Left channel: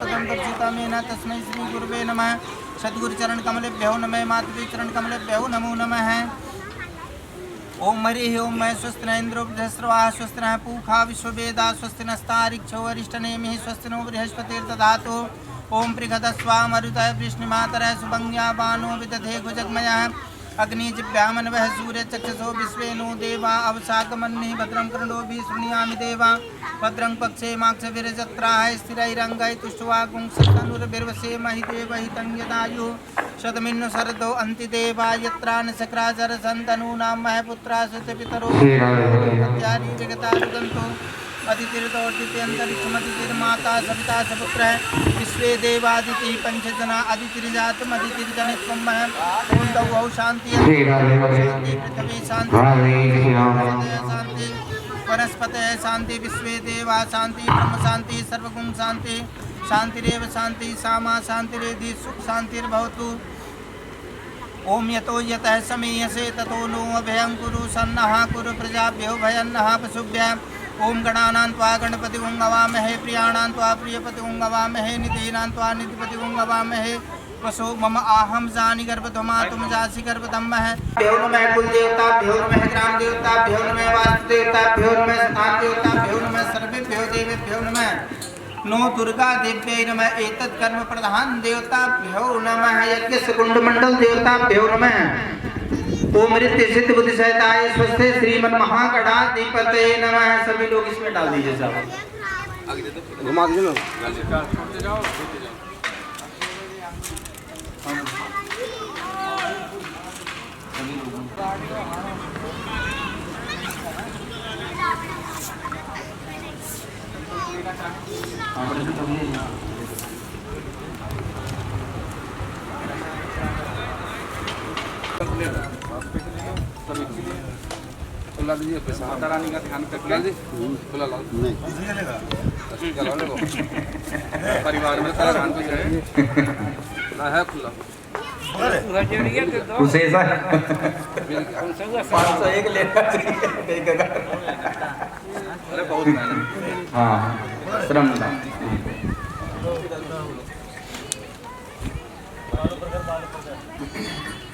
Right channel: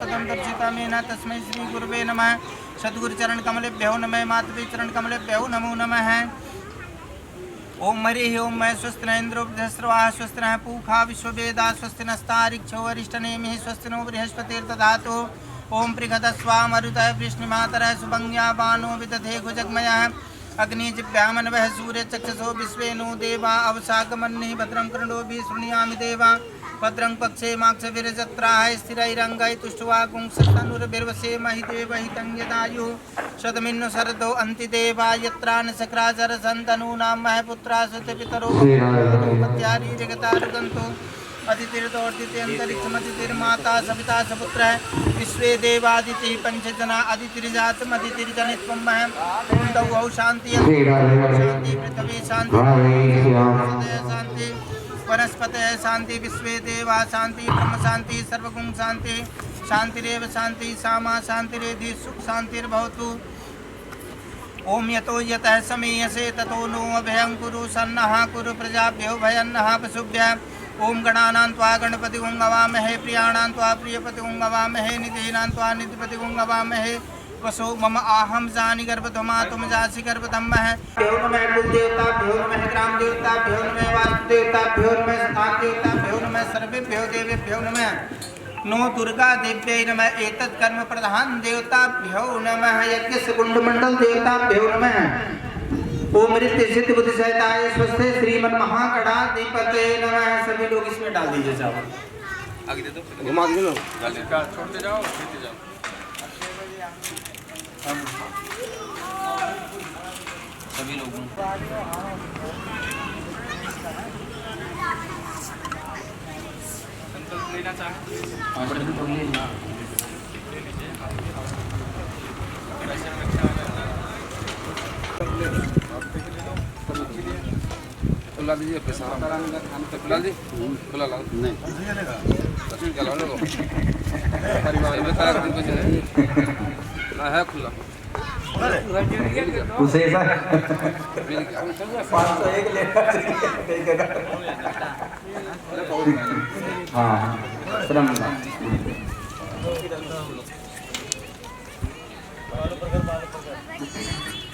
दर्शितामेन तस्मै श्री गुरुवे नमः। सद्गुरु चरण कमलेभ्यो नमः। मातृ चरण कमलेभ्यो नमो नमः। ओम हरि ओम मैं स्वस्थ न इंद्रो बृहस्पतिर्वाह स्वस्थ न पूखा विश्ववेदा स्वस्थ नस्तारिक्षो अरिष्टनेमिः स्वस्थ नो बृहस्पतिर्दधातु। ओम प्रिगतस्वा मरुतः वृष्णिमातरः सुभंग्या बाणो विदधे भुजगमयः अग्निजिभ्यामनवः सूर्यचक्षुषो विश्वेनो देवा अवसागमन्निः भद्रं कर्णोभिः शृणुयामि देवा भद्रं पक्षे माक्षभिर्जत्राः स्थिरैरङ्गैः तुष्टुवागुंसतनुर्भिर्वसे महिदेवहितं यदायुः शतमिन्नु शरदो अन्तिदेवा यत्रान् शक्राचरसन्तनूनां महपुत्रा सुतपितरो पत्यारी जगतारुगन्तो अदितिर्दोर्दित्यन्तरिक्षमदितिर्माता सविता सपुत्रः विश्वे देवादितिः पञ्चजना अदितिर्जातम् अदितिर्जनित्वं महं कुन्दौ शान्ति शान्ति पृथ्वी शान्ति शान्ति वनस्पतय शांति विश्वे देवा शांति ब्रह्म शांति सर्वगुण शांति शांतिरेव शांति सामा शांतिरेधि सुख शांतिर्भवतु। ओम यतो यतः समीयसे ततो नो अभयं कुरु सन्नः कुरु प्रजाभ्यो भयन्नः पशुभ्यः। ओम गणानां त्वा गणपतिं गवामहे प्रियाणां त्वा प्रियपतिं गवामहे निधीनां त्वा निधिपतिं गवामहे वसो मम आहम जानी गर्भधमा तुम जासी गर्भधम्मः। भ्यो नमः कुल देवताभ्यो नमः ग्राम देवताभ्यो नमः वास्तु देवताभ्यो नमः स्थान देवताभ्यो नमः सर्वेभ्यो देवेभ्यो नमः। नो दुर्गा देव्यै नमः एतत् कर्म प्रधान देवताभ्यो नमः। यज्ञस्य कुंडमंडल देवताभ्यो नमः। ओम ऋत्य सिद्ध बुद्धि सहिताय स्वस्थे श्रीमन महागणाधिपते नमः। सभी लोग इसमें डाल दीजिए साहब। आगे दे दो घुमा दीजिए ना छोड़ते जाओ देते जाओ। सभी लोगों खुला दीजिए पैसा कराने का ध्यान से खुला दीजिए खुला ला नहीं क्या ला लो परिवार में करा कर पैसे ना है खुला उसे ऐसा 501 लेना चाहिए हाँ श्रम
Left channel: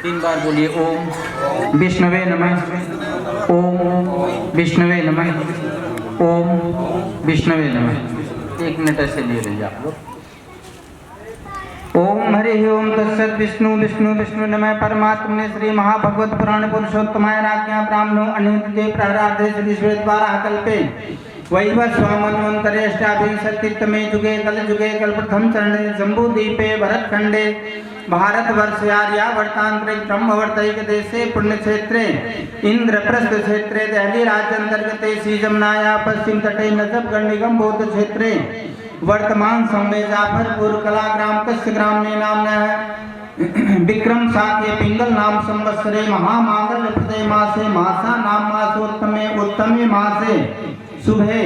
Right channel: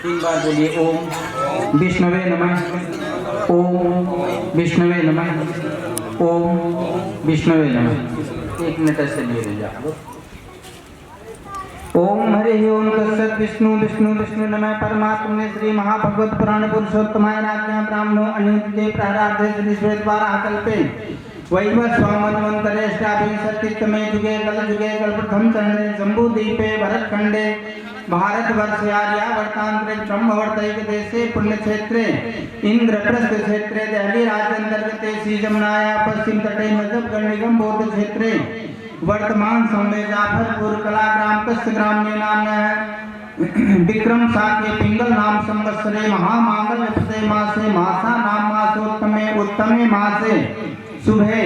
तीन बार बोलिए। ओम विष्णवे नमः। ओम विष्णवे नमः। ओम विष्णवे नमः। 1 मिनट ऐसे लिए रहिए आप लोग। ओम हरि ओम तत्सत् विष्णु विष्णु विष्णु नमः परमात्मने श्री महाभगवत पुराण पुरुषोत्तमाय राज्ञा ब्राह्मणो अनित्ये प्रहराधे श्री श्वेतवारा कल्पे वैवस्वामन्वन्तरेष्टाभिषत्तितमे युगे कलयुगे कल्पप्रथम चरणे जम्बूद्वीपे भरतखण्डे भारतवर्षयार्यावर्तान्त्रे ब्रह्मवर्तैक देशे पुण्यक्षेत्रे इंद्रप्रस्थ क्षेत्रे देहली राज्यान्तर्गते श्रीजमुनाया पश्चिम तटे नजफगढ़ निगम बौद्ध क्षेत्रे वर्तमान समय जाफरपुर कलाग्राम कष्टग्राम में नाम विक्रम साके पिंगल नाम संवत्सरे महामांगल्य प्रदे मासे मासा नाम मासोत्तमे उत्तमे मासे शुभे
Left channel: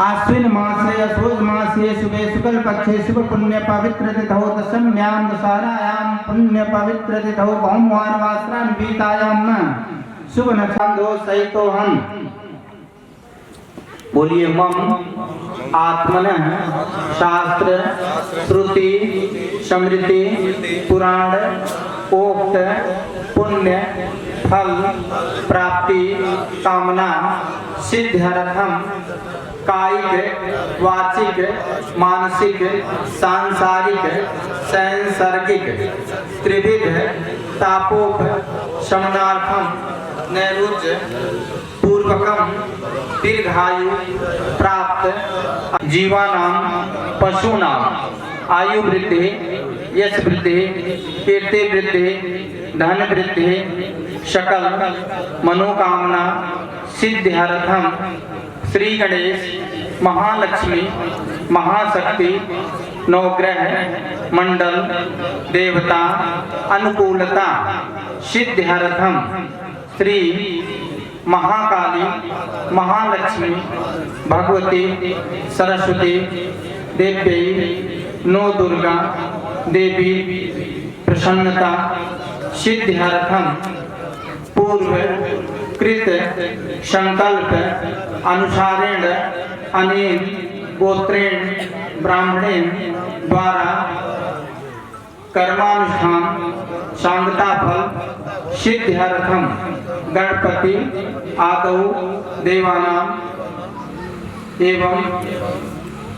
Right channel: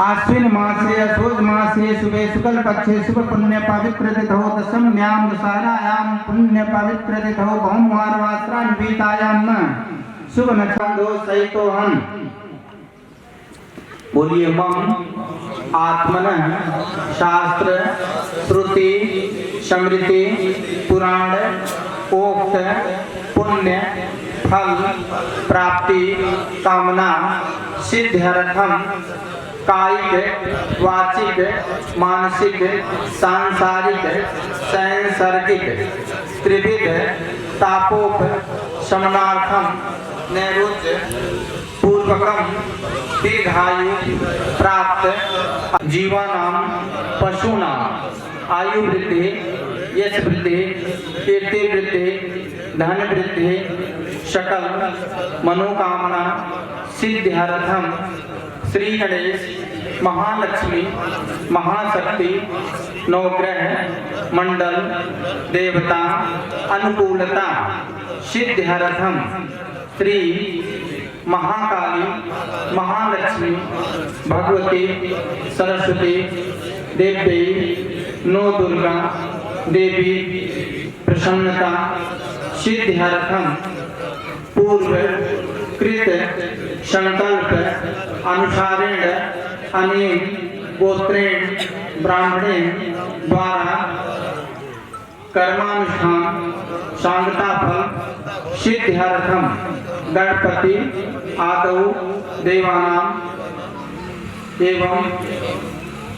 आश्विन मासे असोज मासे शुभे शुक्ल पक्षे शुभ पुण्य पवित्र तिथौ दशम्यां दशहरायां पुण्य पवित्र तिथौ बहुमवार वास्त्रान्वितायां शुभ नक्षत्रो सहितो हम बोलिए मम आत्मनः शास्त्र श्रुति स्मृति पुराण उक्त पुण्य फल प्राप्ति कामना सिद्ध्यर्थम कायिक वाचिक मानसिक सांसारिक सांसर्गिक त्रिविध तापोप शमनार्थम नैरुज्य पूर्वकम दीर्घायु प्राप्त जीवानां पशूनां आयु वृद्धि यश वृद्धि कीर्ति वृद्धि धन वृद्धि सकल मनोकामना सिद्ध्यर्थम श्री गणेश महालक्ष्मी महाशक्ति नवग्रह मंडल देवता अनुकूलता सिद्ध्यर्थम श्री महाकाली महालक्ष्मी भगवती सरस्वती देवी नो दुर्गा देवी प्रसन्नता सिद्ध्यर्थम पूर्व कृत संकल्प अनुसारेण अनेक गोत्रेण ब्राह्मणे द्वारा कर्मानुष्ठान सांगता फल सिद्ध्यर्थम गणपति आदौ देवानां एवं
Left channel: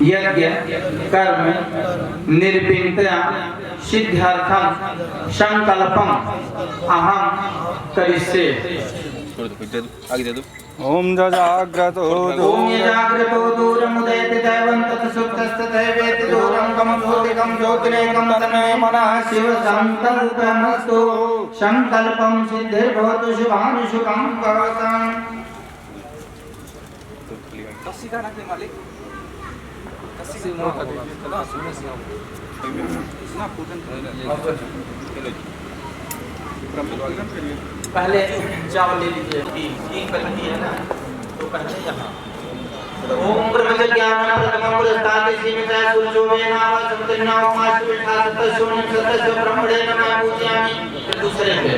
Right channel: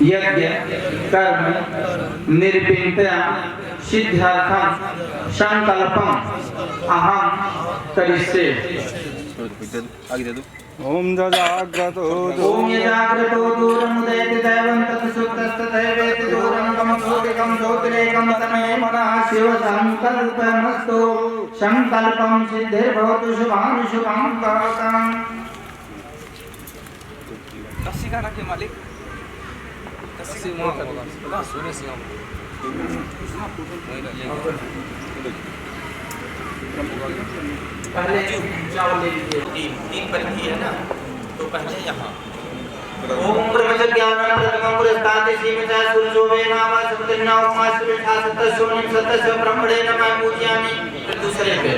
यज्ञ कर्म निर्विघ्नतया सिद्ध्यर्थम संकल्पम अहम करिष्ये। ओम जाग्रतो दूरमुदयति दैवं तत्सुप्तस्तथैवेति दूरं गमसोऽधिकं ज्योतिरेकं तन्मे मनः शिव संकल्पमस्तु। संकल्पं सिद्धिर्भवतु शुभानुशुभं भवतु। कसी का रखे मालिक कसी का ना सोने से पहले चावल ले लीजिए, तीन बनती है ना, तो पहले यहाँ ओम ब्रह्मज्ञानं प्रथमं पुरस्तात् सीमिता सूर्यो मे नाम सप्तमिना उमाश्विष्ठा सत्तस्योनिं सत्तस्य ब्रह्मणे नमः पूजयामि। फिर दूसरे पे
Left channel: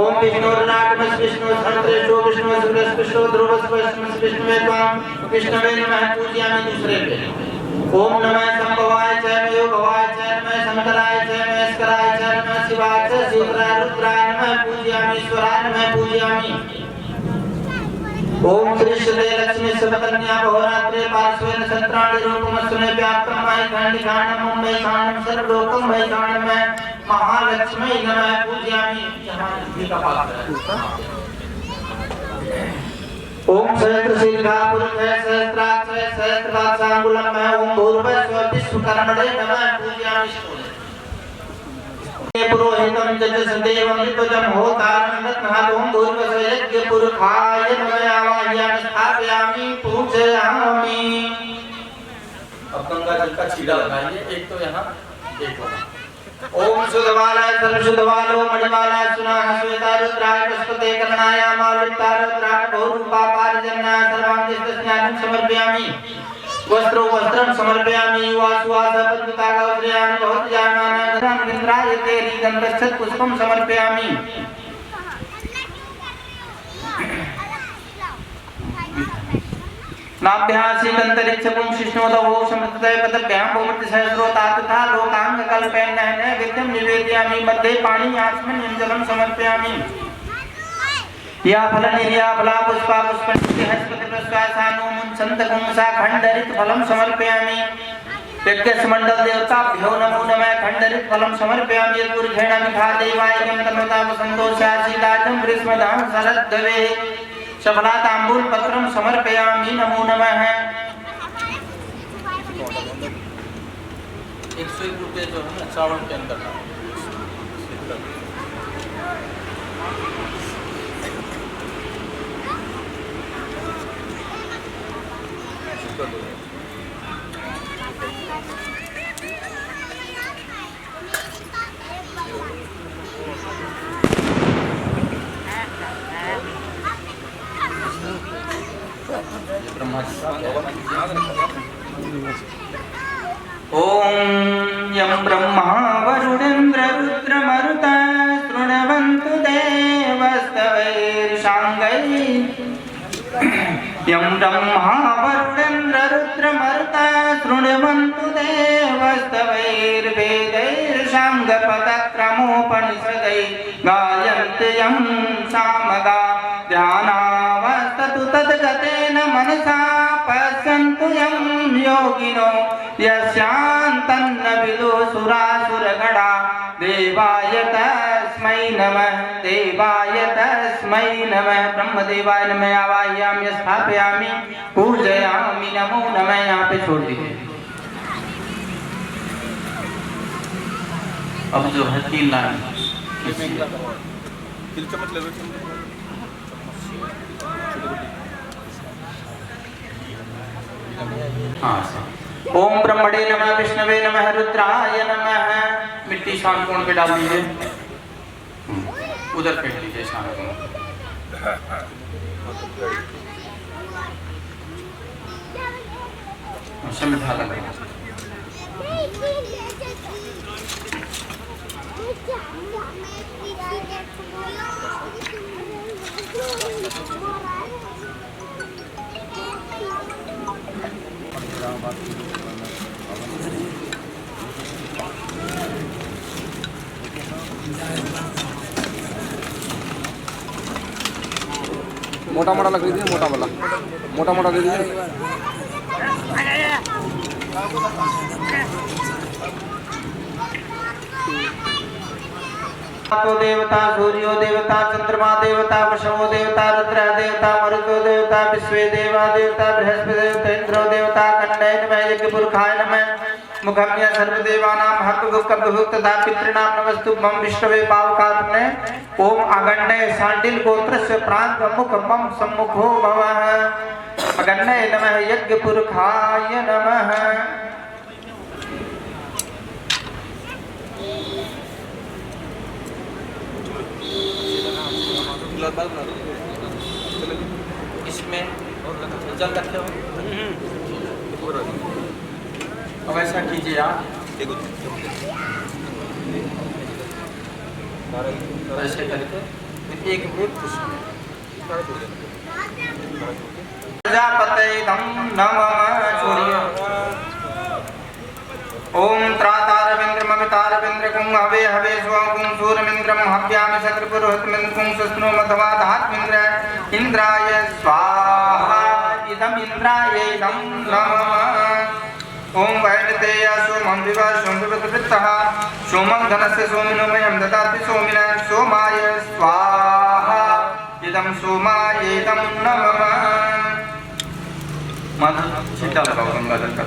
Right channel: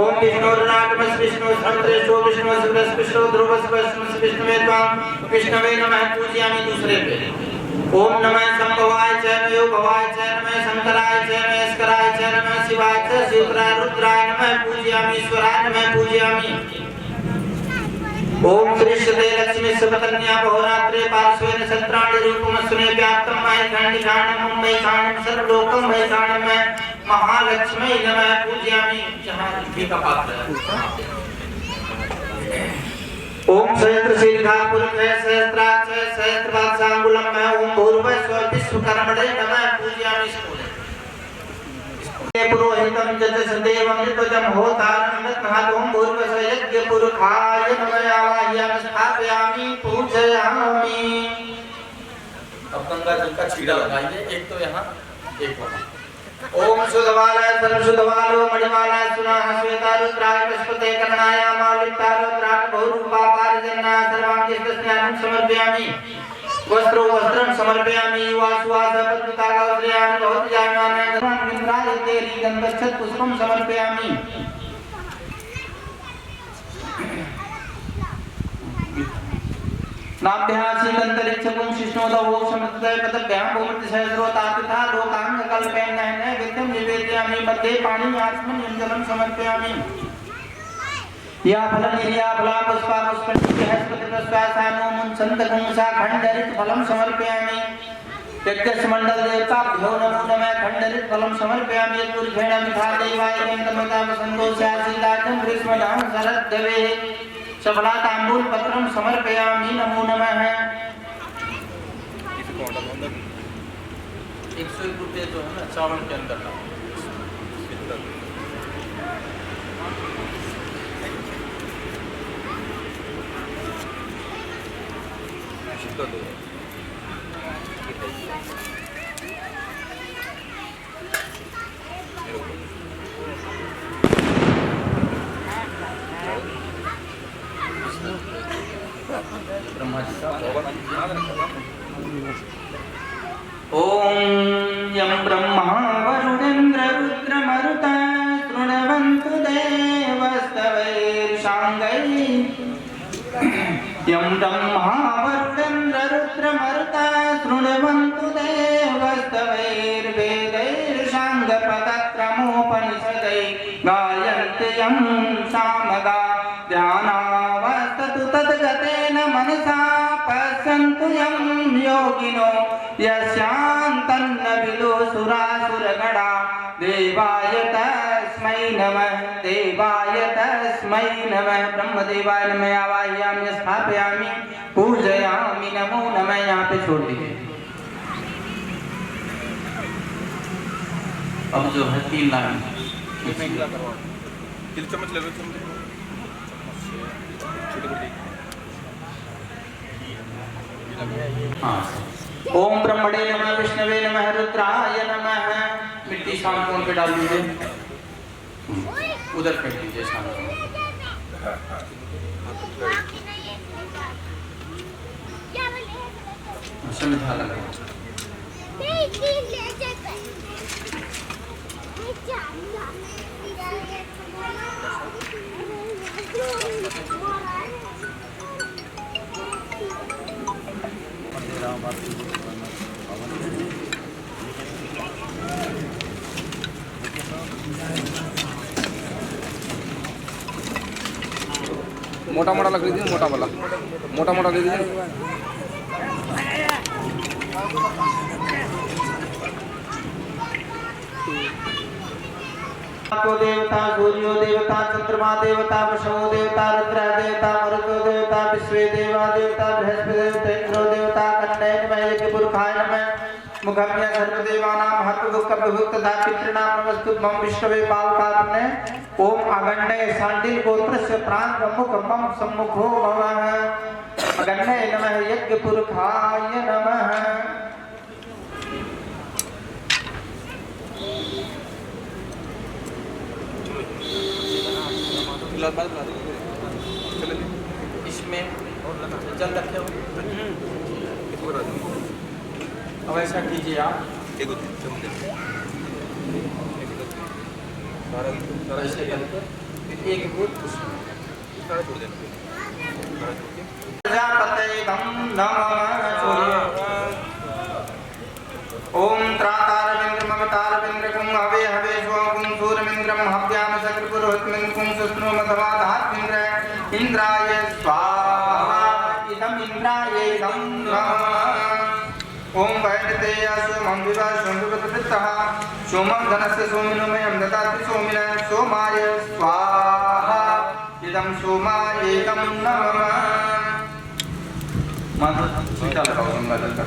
ओम विष्णुर्नाटमस् विष्णु सहस्रेष्ठो विष्णु सुरस् विष्णु ध्रुवस् वैष्णवस् विष्णवे त्वां विष्णवे नमः पूजयामि। दूसरे पे ओम नमः संभवाय च मयो भवाय च नमः शंकराय च महेश्वराय च नमः शिवाय च शिवराय रुद्राय नमः पूजयामि। ईश्वराय नमः पूजयामि। ओम श्री श्री लक्ष्मी सबकन्या बहुरात्रे पार्श्वेन सत्राणि रूपमस्ने व्याप्तं मय खंडिकाणं मय काणं सर्वलोकं मय काणं महालक्ष्मी नमः पूजयामि। यहाँ घी का पात्र है। ओम सहस्रशीर्षा पुरुषे सहस्राक्ष सहस्रवात्सांगुलम मैं ओम भूर्भुवः विश्वकर्मणे नमः पूजयामि। पुरोहितं च सदेवं ऋतुजं होतारं रत्नात् ओम भूर्भुवः यज्ञ पुरुषाय नमः आवाहयामि स्थापयामि पूजयामि। अब गंगा जल का छीड़ा लगाइए, एक तो यहाँ एक वहाँ। ओम शुद्धवालाय सर्वशुद्धवालो मणिवालाय सुनाः श्वेता रुद्राय बृहस्पते कर्णाय अमालिप्ता रुद्राय बहुरूपा पारिजन्नाय सर्वांगिष्टस्नानं समर्पयामि। वस्त्रो वस्त्रं समर्पयामि। वासुवास पद्मता गौत्र्याणि बहुजायमानाय धर्मेन्द्राय ते गन्धच्छत् पुष्पं समर्पयामि। नाभ्यासीदन्तरिक्षपुं शिष्णोदवो समृद्धय पदभ्यां भूमृतिसहस्रो तातुथा लोकाङ्गकल्पेन नैवेद्यं निवेदयामि। मध्ये पाणि आत्मन्यं जलं समर्पयामि। या फलनिर्या फला पुष्पा पुष्पनिष्ठहस्पति प्रश्वासानो मुञ्चन्तकुंसा खण्डरित फलं समर्पयामि। यज्ञस्मण्डल देवताभ्यो नमो नमः खण्डरित फलं समर्पयामि। यदुर्घेण मिथा देवाय गन्धर्वतां सन्तोषासीदाजं ग्रीष्मदां शरद्दवे शफलाताम्बूल पत्रं समर्पयामि। नमो नमः। 101 रुपये जो है ना चावल के अंदर डालो। ओम यं ब्रह्मा वरुणेन्द्र रुद्रमरुतः शृण्वन्तु देवस्तवैर्साङ्गैः। यं ब्रह्मा वरुणेन्द्र रुद्रमरुतः शृण्वन्तु देवस्तवैर्वेदैर्साङ्गपदक्रमोपनिषदैः गायन्ति यं सामगा ध्यानावस्थतु तद्गतेन मनसा पश्यन्तु यं योगिनो यस्यान्तन्न विदुसुरासुरगणा। देवाय तस्मै नमः देवाय तस्मै नमः। ब्रह्मदेवाय नमः आवाहयामि स्थापयामि पूजयामि। नमो नमः। यहाँ पे छोड़ दीजिए। अब जो है 3 लाइन चम्मच ले लो, छोटी बड़ी। हाँ। ओम ब्रह्मणे नमः विष्णवे नमः रुद्राय नमः। मिट्टी शांत कोण पे डाल दीजिए, उधर फेंक दीजिए शांत कोण। संधा लगा मोटा मोटा लकड़ी दीजिए, मोटा वाला मोटा मोटा दे दीजिए। देवता सूर्यो देवता चंद्रमा देवता वशवो देवता रुद्र देवता मरुतो देवता विश्वे देवा देवता बृहस्पति देवता इंद्रो देवता कन्याय नमः यज्ञ पुरुषाय नमः मुखम्य सर्वदेवानां महत्वभुक्त तथा पितॄणां नमस्तु मम विष्णवे पावकात्मने ओम अगण्डे सांडिल गोत्रस्य प्राण प्रमुख मम सम्मुखो भवः अगण्डे नमः यज्ञ पुरुषाय नमः। इसमें जल रखे हो अब ऐसा कीजिए आप एक प्रजापते ओम त्रातारविंद्रमवितारविंद्रकुं हवे हवे स्वकुं सूरमिंद्रम हव्यामि शक्रपुरोहितमिंद्रकुं सुस्नो मधवाधात्मिंद्र इंद्राय स्वाहा इदम् इंद्राय इदं नमः। ओम वैणते सोमं विवा सोमविवृतः सोमं धनस्य सोमिनोमयं ददाति सोमिनः सोमाय स्वाहा इदं सोमाय इदं नमः। मंत्र चिंता लगाओ गंगा जल का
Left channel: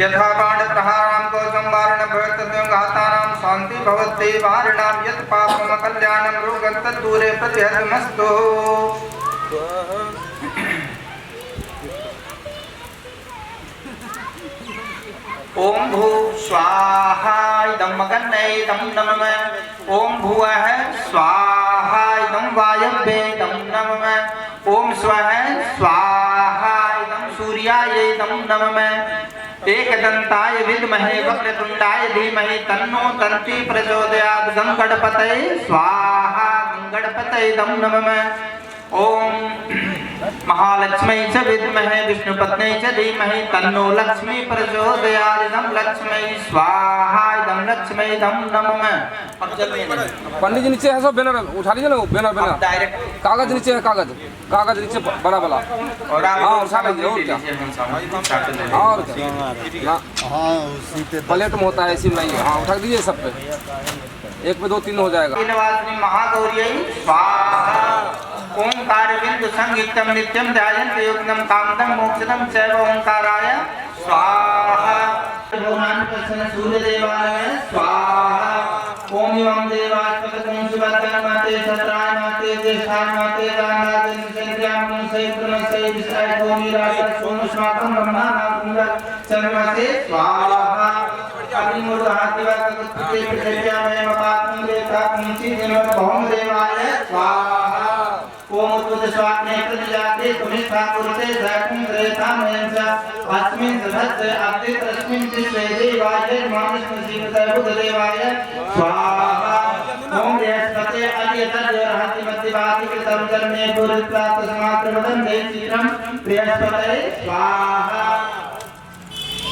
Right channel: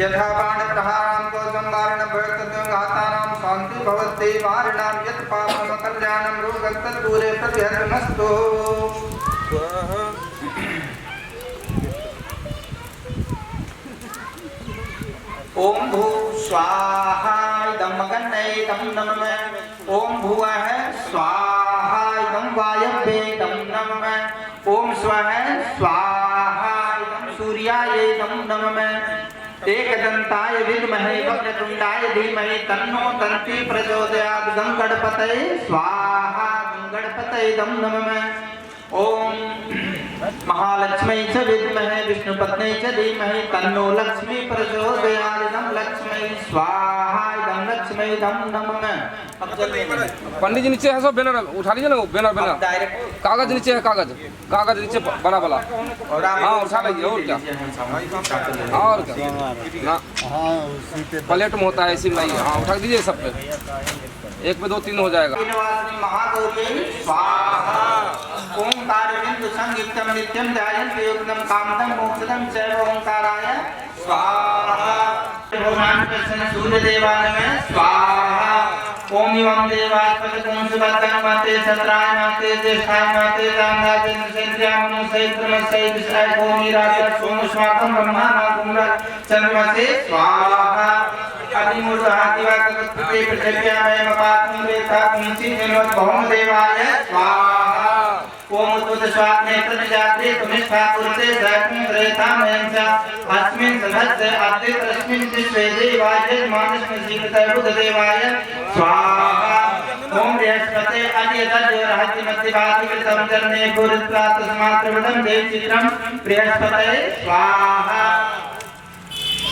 यथा बाण प्रहारां को संवारण भवत्यं घातानां शांति भवते वारिणां यत् पापम कल्याणं रोगं तद्दूरे प्रतिहतमस्तु। ओम भू स्वाहा इदं मगन्ने इदं नमः। ओम भुवः स्वाहा इदं वायव्ये इदं नमः। ओम स्वः स्वाहा इदं सूर्याय इदं नमः। एकदंताय विद्महे वक्रतुंडाय धीमहि तन्नो दन्ति प्रचोदयात्। गंगणपतये स्वाहा गंगणपतये इदं नमः। ओम महालक्ष्मी च विद्महे विष्णुपत्न्यै च धीमहि तन्नो लक्ष्मी प्रचोदयात्। इदं लक्ष्मी स्वाहा इदं लक्ष्मी इदं नमः। पंडित जी नीचे है सब बैनर उठा लीजिए ना, वो बैनर कागज नीचे है, कागज नीचे बड़ा वाला। हाँ उठा लीजिए और क्या प्लेट में होता है ऐसी नहीं। हाँ उठा दीजिए सब पे, एक पे 2 3 हो जाएगा। ओंकार बिंदु संगीतम नित्यम ध्यायन्ति योगिनं कामदं मोक्षदं चैव ओंकाराय स्वाहा। भगवान कृष्ण सूर्य देवाय स्वाहा। ओम इमं देवात्मकं सुभद्रमते सत्राय मते ज्येष्ठाय मते रामराजे सेन्द्रियां सैत्रमसे विश्राय भूमिराज सोमश्वाकं ब्रह्मानाकुंड चन्मसे स्वाहा। आदिमूर्धादिवाककृते पृथिव्यामयं पात्मं रेखा कुंसि निर्मल भौम देवाय स्वाहा। ओम तुदस्वाग्ने प्रजाते तुमिष्ठा कुरुते धर्मं रेखामयं च अस्मिन् सदस्य आदि तस्मिन् विश्वे देवाय मानस्मिन् जीवते बुद्धदेवाय स्वाहा। ओम बृहस्पते अद्यतद्योरहति मध्यभागितं जन्मे गुरुप्रातस्मात्रवदं देवचित्रं बृहस्पते स्वाहा।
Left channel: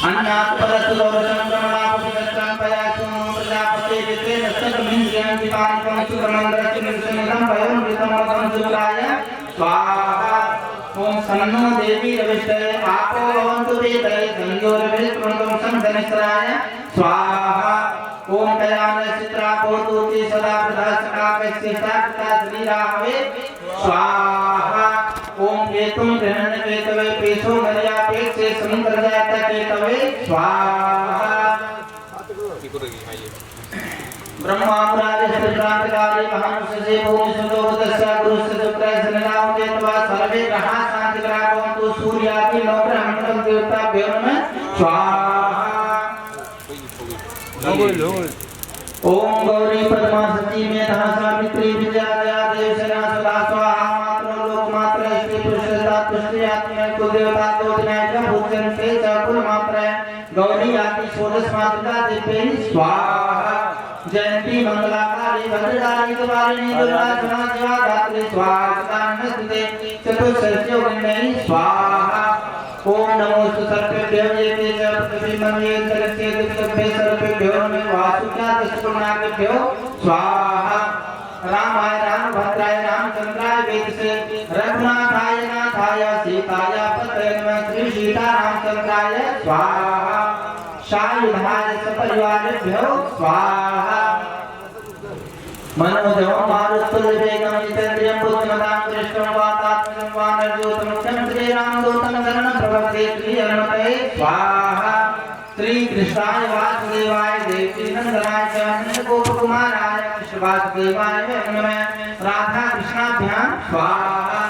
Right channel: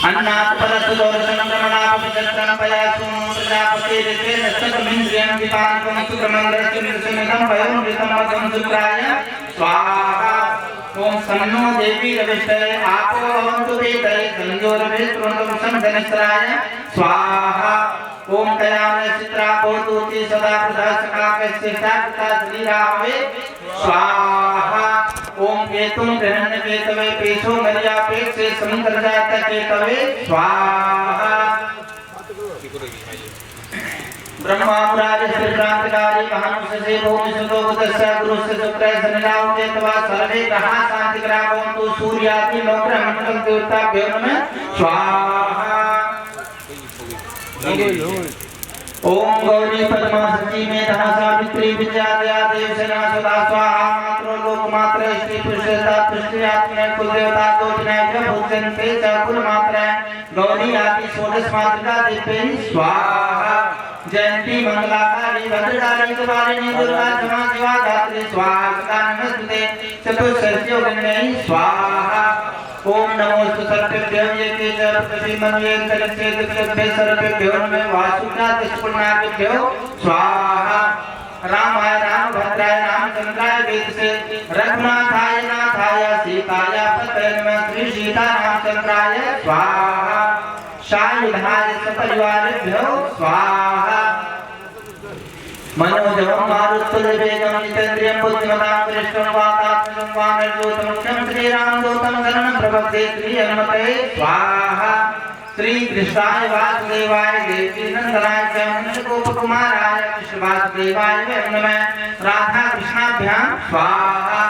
अन्नात् परसुलोचनं रमणापतिचत्रं पयासुं प्रजापते ऋतेन सकमिन्द्रियं दिवाकं सुकमलरश्मिर्सुनिलं वयं ऋतमवदं शुक्राय स्वाहा। ओम सन्नो देवी रविष्टये आपो भवन्तु वेदये संयोरवेत्रं संधनिस्राय स्वाहा। ओम कयान चित्रापोतुति सदा प्रदासकाकस्य शाक्ता श्रीरामे स्वाहा। ओम केतुं गृहण्य केतवे पेशो मर्यापेक्षे समुद्र जात केतवे स्वाहा। ब्रह्मामुराज श्रीप्रांतकारी महानुषसे भूमि सुदोदस्य गुरुस्य शुक्राय सनगाव केतवा सर्वे ग्रहा शांतिकरा भवन्तु। सूर्यादि नवग्रहमण्डलं देवताभ्यो नमः स्वाहा। ओम गौरी पद्मा सची मेधा सावित्री विद्या देवसेना सदा स्वाहा। मात्र लोक मात्र स्त्री पुरुष तुष्टि आत्मा कुलदेवता तो विनायक भोजन से चकुल मात्र गौरी आदि षोडश मात्रा देवे स्वाहा। जयंती मंगलाकारी भद्रकाली कुमारिणी दुर्गा क्षमा शिवा धात्री स्वाहा। नमस्ते चतुष्षष्ठ्यो गणै स्वाहा। ओम नमोस्तु सर्वेभ्यो ये च पृथ्वी मन्ये कलक्षेत्रभ्यो सर्वेभ्यो नमः वासुनाथस्पुण्याभ्यो स्वाहा। रामाय रामभद्राय रामचंद्राय वेदसे रघुनाथ सायुधाय सपरिवारेभ्यो स्वाहा मनोजवं मारुतुल्यवेगं नितेन्द्रियं बुद्धिमतां वरिष्ठं वातात्मजं वानरजोतं मुख्यं श्रीरामदूतं शरणं प्रपद्ये प्रियनमते स्वाहा श्री कृष्णाय वासुदेवाय देवकीनंदनाय च नंदगोपकुमाराय कृष्ण वासुदेवाय नमः राधा कृष्णाभ्यां स्वाहा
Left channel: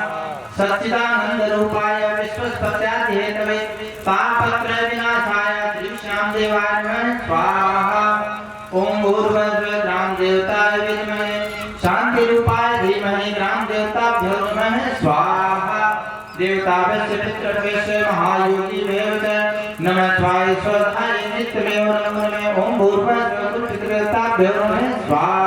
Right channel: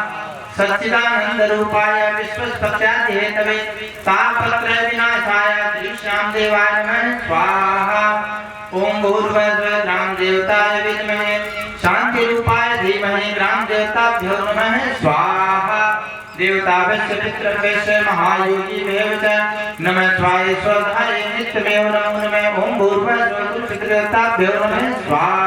सच्चिदानंद रूपाय विश्वस्पत्यादि हेतवे तापत्रय विनाशाय श्रीश्याम देवाय नमः स्वाहा ओम भूर्भुवस्सुः ग्राम देवताय विद्महे शांति रूपाय धीमहि ग्राम देवताभ्यो नमः स्वाहा देवताभ्यश्च पितृभ्यश्च महायोगिभ्यो च नमः स्वाहा नित्यमेव नमो नमः ओम भूर्भुवस्सुः पितृदेवताभ्यो नमः स्वाहा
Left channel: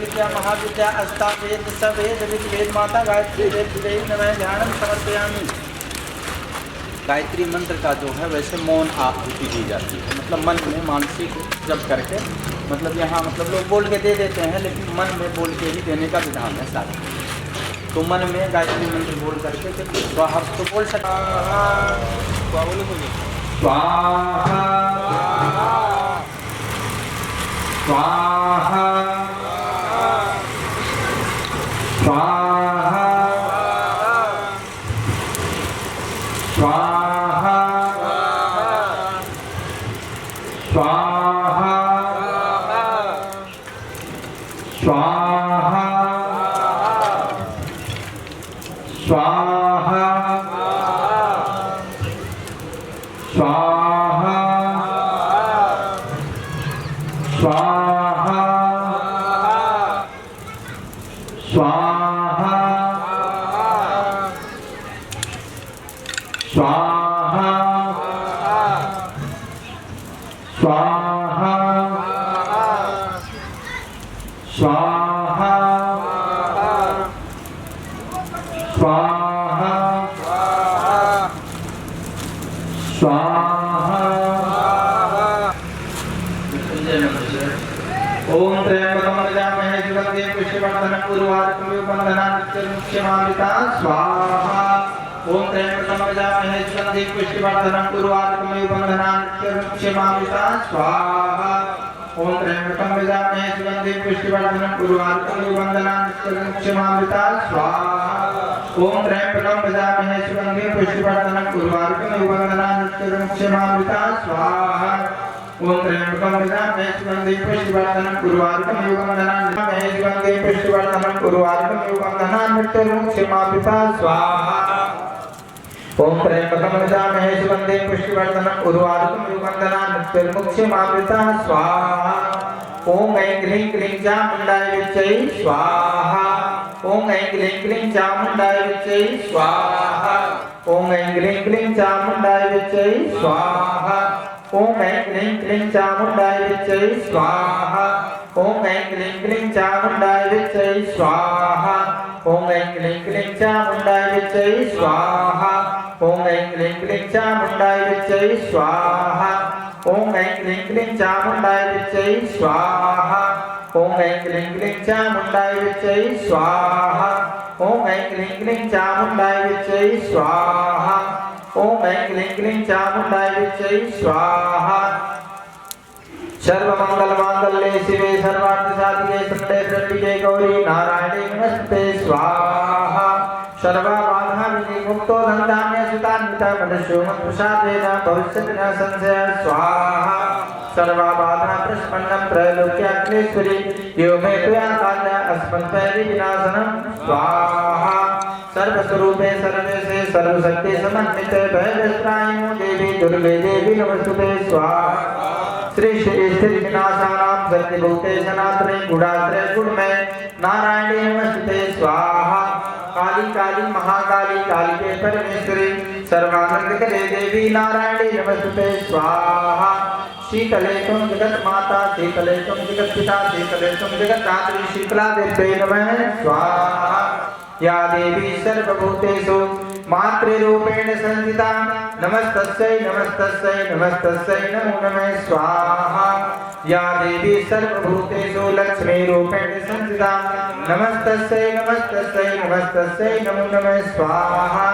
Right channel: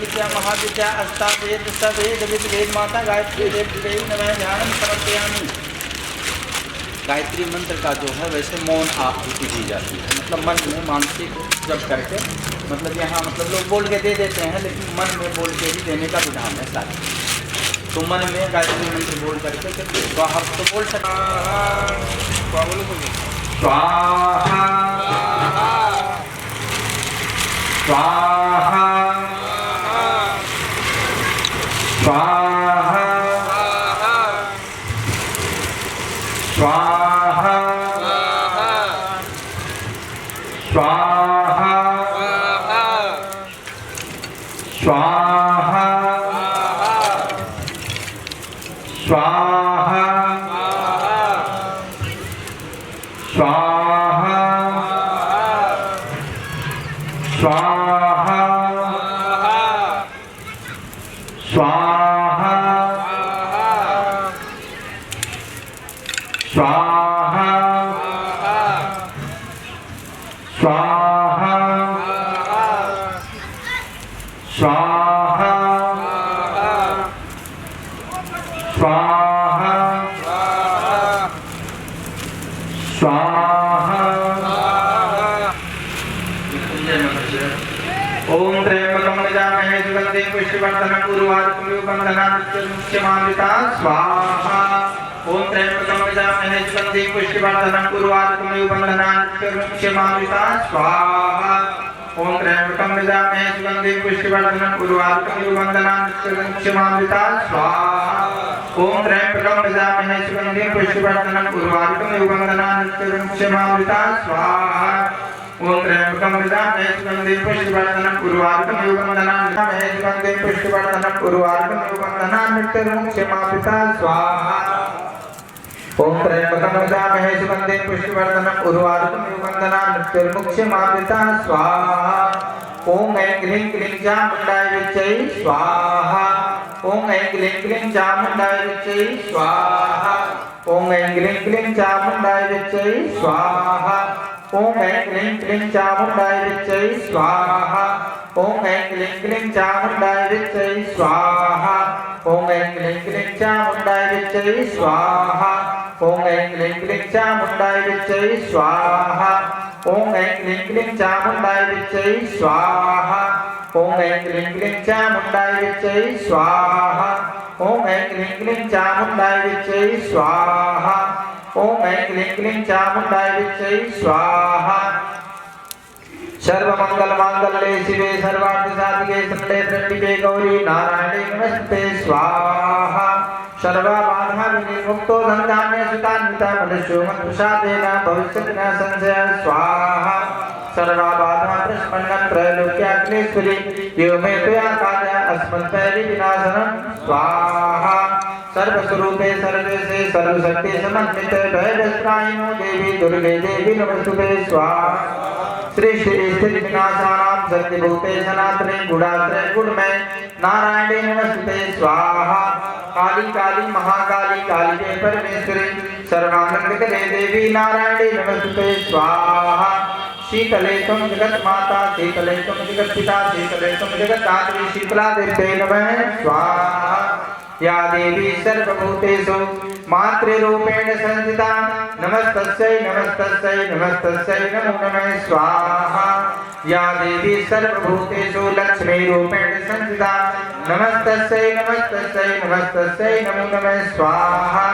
विद्या महाविद्या अष्टावेद सवेद वेद माता गायत्री वेद विजयी नमः ज्ञानम समर्पयामि। गायत्री मंत्र का जो है वैसे मौन आहुति दी जाती है, मतलब मन में मानसिक जब करके, मतलब यहाँ मतलब लोग बोल के दे देते हैं, लेकिन मन में बोल के ही देने का विधान है सारा। तो मन में गायत्री मंत्र बोल करके जब स्वाहा तो बोल सकते स्वाहा स्वाहा स्वाहा स्वाहा स्वाहा स्वाहा स्वाहा स्वाहा स्वाहा स्वाहा स्वाहा स्वाहा स्वाहा स्वाहा स्वाहा ओम त्र्यंबकं यजामहे सुगन्धिं पुष्टिवर्धनं उर्वारुकं मुख्यमामृता स्वाहा ओम त्र्यंबकं यजामहे सुगन्धिं पुष्टिवर्धनं उर्वारुकं मुख्यमामृता स्वाहा ओम त्र्यंबकं यजामहे सुगन्धिं पुष्टिवर्धनं उर्वारुकं मुख्यमामृता स्वाहा ओम त्र्यंबकं यजामहे सुगन्धिं पुष्टिवर्धनं उर्वारुकं मुख्यमामृता स्वाहा ओम त्र्यंबकं यजामहे सुगन्धिं पुष्टिवर्धनं उर्वारुकं मुख्यमामृता स्वाहा ओम त्र्यंबकं यजामहे सुगन्धिं पुष्टिवर्धनं उर्वारुकं मुख्यमामृता स्वाहा ओम ऐं क्लीं क्लीं चामुण्डाय विच्चै स्वाहा ओम ऐं क्लीं क्लीं चामुण्डाय विच्चै स्वाहा ओम ऐं क्लीं क्लीं चामुण्डाय विच्चै स्वाहा ओम ऐं क्लीं क्लीं चामुण्डाय विच्चै स्वाहा ओम ऐं क्लीं क्लीं चामुण्डाय विच्चै स्वाहा ओम ऐं क्लीं क्लीं चामुण्डाय विच्चै स्वाहा ओम ऐं क्लीं क्लीं चामुण्डाय विच्चै स्वाहा ओम ऐं क्लीं क्लीं चामुण्डाय विच्चै स्वाहा ओम ऐं क्लीं क्लीं चामुण्डाय विच्चै स्वाहा ओम ऐं क्लीं क्लीं चामुण्डाय विच्चै स्वाहा ओम ऐं क्लीं क्लीं चामुण्डाय विच्चै स्वाहा सर्वमंगलमांगल्ये शिवे सर्वार्थसाधिके शरण्ये त्र्यंबके गौरी नारायणे नमस्ते स्वाहा सर्वबाधाविनिर्मुक्तो धनधान्य सुतान्विता मनुष्यो मत्प्रसादेन भविष्यति न संशयः स्वाहा सर्वबाधा प्रशमनं त्रैलोक्याग्नेश्वरी यो मे त्वया कार्या अस्मद्वैरि विनाशनं स्वाहा सर्वस्वरूपे सर्वेशे सर्वशक्ति समन्विते भयवित्रायिनो देवी दुर्गे देवी नमस्तुते स्वाहा सृष्टि स्थिति विनाशानां सत्यभूते सनातने गुणात्रे गुणमय नारायणे नमस्ते स्वाहा काली काली महाकाली कालिके परमेश्वरी सर्वानंदकरे देवी नारायणे नमस्ते स्वाहा शीतले त्वं जगत माता शीतले त्वं जगत पिता शीतले त्वं जगत धात्री शीतला देवी नमः स्वाहा या देवी सर्वभूतेषु मातृरूपेण संस्थिता नमस्तस्यै नमस्तस्यै नमस्तस्यै नमो नमः स्वाहा या देवी सर्वभूतेषु लक्ष्मीरूपेण संस्थिता नमस्तस्यै नमस्तस्यै नमस्तस्यै नमो नमः स्वाहा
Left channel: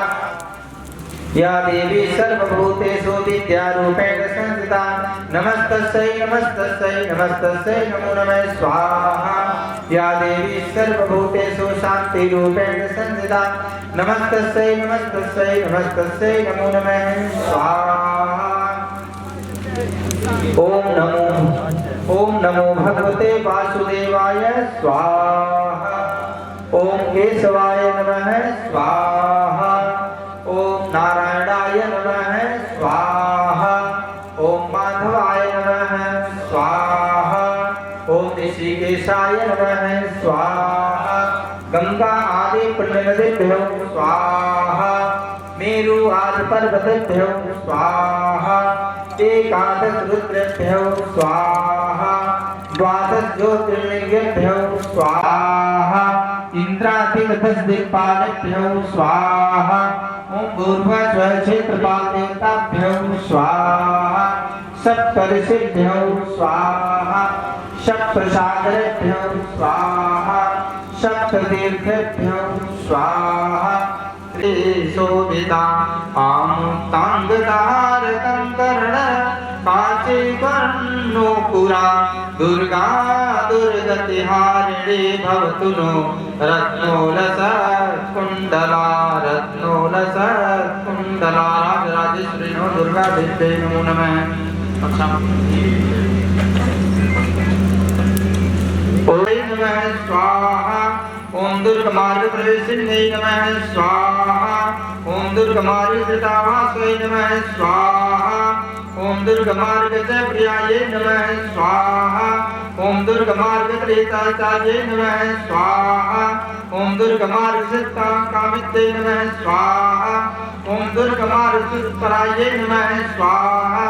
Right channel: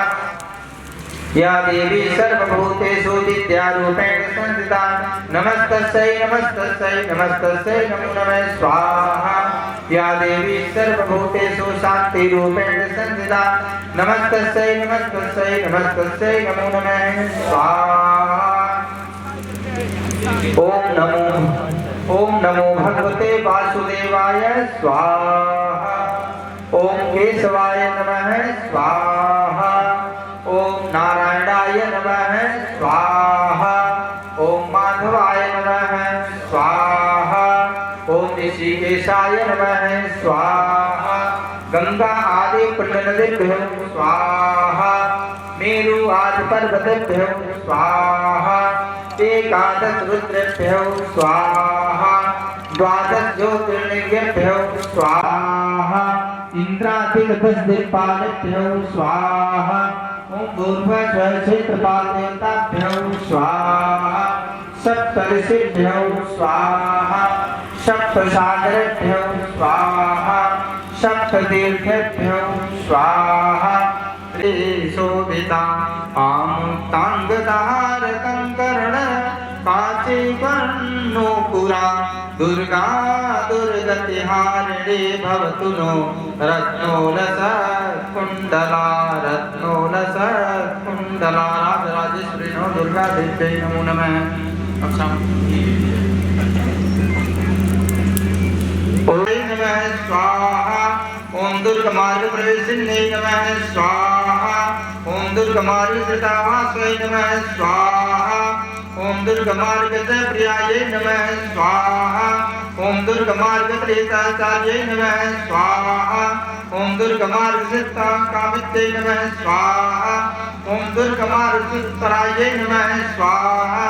या देवी सर्वभूतेषु विद्यारूपेण संस्थिता नमस्तस्यै नमस्तस्यै नमस्तस्यै नमो नमः स्वाहा या देवी सर्वभूतेषु शान्तिरूपेण संस्थिता नमस्तस्यै नमस्तस्यै नमस्तस्यै नमो नमः स्वाहा ओम नमो भगवते वासुदेवाय स्वाहा ओम केशवाय नमः स्वाहा ओम नारायणाय नमः स्वाहा ओम माधवाय नमः स्वाहा ओम ऋषिकेशाय नमः स्वाहा गंगा आदि पुण्य नदीभ्यो स्वाहा मेरु आदि पर्वतेभ्यो स्वाहा एकादश रुद्रेभ्यो स्वाहा द्वादश ज्योतिर्लिंगेभ्यो स्वाहा इंद्रादिवदश दिक्पालेभ्यो स्वाहा ओम भूर्भुवः क्षेत्रपालदेवताभ्यो स्वाहा सप्तऋषिभ्यो स्वाहा सप्तसागरेभ्यो स्वाहा सप्ततीर्थेभ्यो स्वाहा शोभिता आमुक्तांगधारकंकर्ण कांचीवर्णोपुरा दुर्गा दुर्गतिहारिणी भवतु नो रत्नोलसत्कुण्डला रत्नोलसत्कुण्डला राजराजेश्वरी नो दुर्गा देव्यै नमो नमः। ओम नमः स्वाहा ओम दुर्गमार्ग प्रवेशिन्यै नमः स्वाहा ओम दुर्गमार्ग कृतावास्यै नमः स्वाहा ओम दुर्गमार्ग प्रियायै नमः स्वाहा ओम दुर्गमार्ग त्रेताचार्यै नमः स्वाहा ओम दुर्गमार्ग सिद्धाकामित्यै नमः स्वाहा ओम दुर्गमार्ग सुतरायै नमः स्वाहा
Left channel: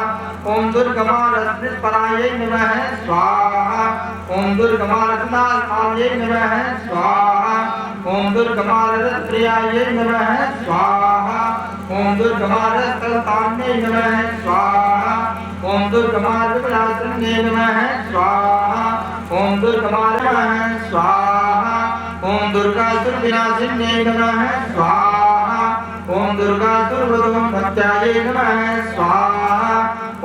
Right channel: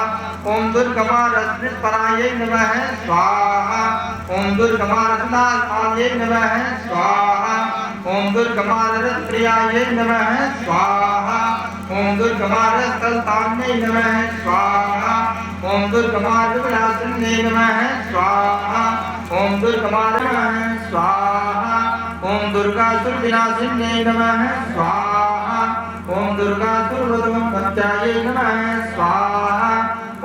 ओम दुर्गमार्ग स्मृतपरायै नमः स्वाहा ओम दुर्गमार्ग नाथायै नमः स्वाहा ओम दुर्गमार्ग प्रियायै नमः स्वाहा ओम दुर्गमार्ग संतान्यै नमः स्वाहा ओम दुर्गमार्ग विलासिन्यै नमः स्वाहा ओम दुर्गमार्ग नमः स्वाहा ओम दुर्गासुर विनाशिन्यै नमः स्वाहा ओम दुर्गासुरवधूमत्यायै नमः स्वाहा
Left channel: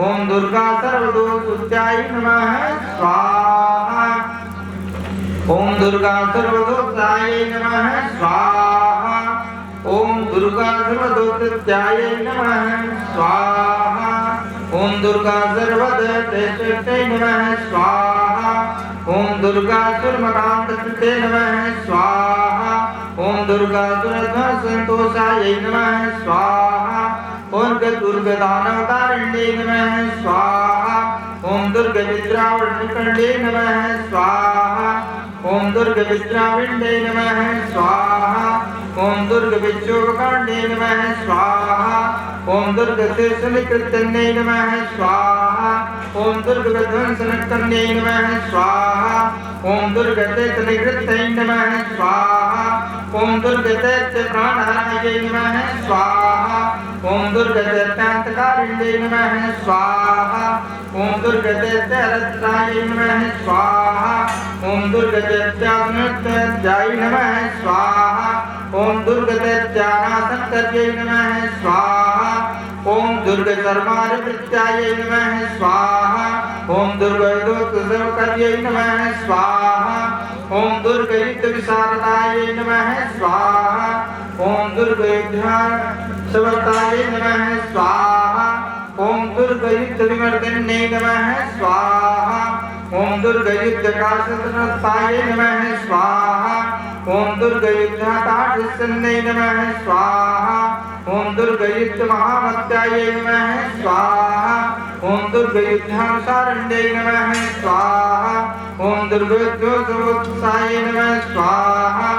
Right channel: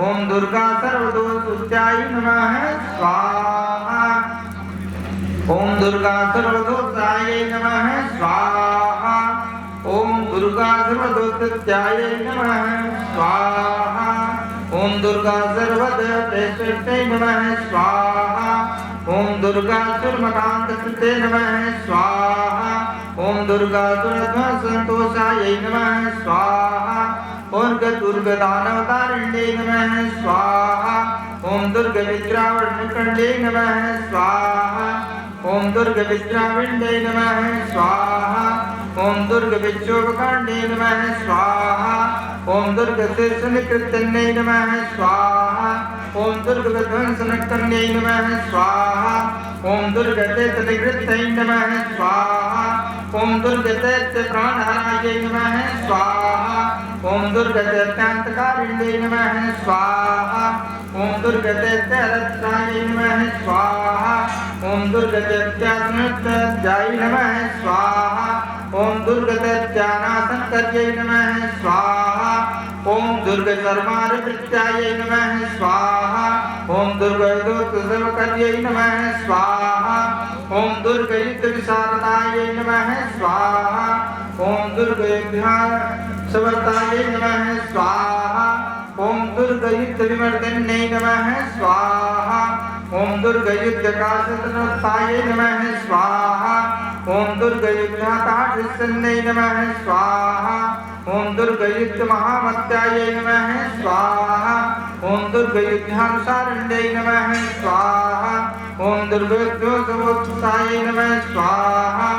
ओम दुर्गा सर्वदोषुत्यायै नमः स्वाहा ओम दुर्गा सर्वदोषायै नमः स्वाहा ओम दुर्गा सर्वदोषत्यायै नमः स्वाहा ओम दुर्गा सर्वदोषत्यै नमः स्वाहा ओम दुर्गा सुरमकान्तकृते नमः स्वाहा ओम दुर्गा सुरध्वसन्तोषायै नमः स्वाहा ओम दुर्गदानवतारिण्यै नमः स्वाहा ओम दुर्गविद्रावणकण्डे नमः स्वाहा ओम दुर्गविद्राविण्डे नमः स्वाहा ओम दुर्गविक्षोभकाण्डे नमः स्वाहा ओम दुर्गशीर्षनिकृत्यन्यै नमः स्वाहा ओम दुर्गविध्वंसनकन्यै नमः स्वाहा ओम दुर्गदैत्यनिवृत्तयै नमः स्वाहा ओम दुर्गदैत्यप्राणहरायै नमः स्वाहा ओम दुर्गदैत्यान्तकारिण्यै नमः स्वाहा ओम दुर्गदैत्यहरत्रायै नमः स्वाहा ओम दुर्गदैत्यात्मत्यायै नमः स्वाहा ओम दुर्गदैत्यानाशनकर्यै नमः स्वाहा ओम दुर्गशर्मारिवृत्यायै नमः स्वाहा ओम दुर्गदोषकर्यै नमः स्वाहा ओम दुर्गयुद्धविशारदायै नमः स्वाहा ओम दुर्गयुद्धसवर्तायै नमः स्वाहा ओम दुर्गयुद्धविमर्दन्यै नमः स्वाहा ओम दुर्गयुद्धकाशतनस्तायै नमः स्वाहा ओम दुर्गयुद्धताटस्सन्यै नमः स्वाहा ओम दुर्गयुद्धमहामत्यायै नमः स्वाहा ओम दुर्गयुद्धानुसारण्यै नमः स्वाहा ओम दुर्गयुद्धोत्सायै नमः स्वाहा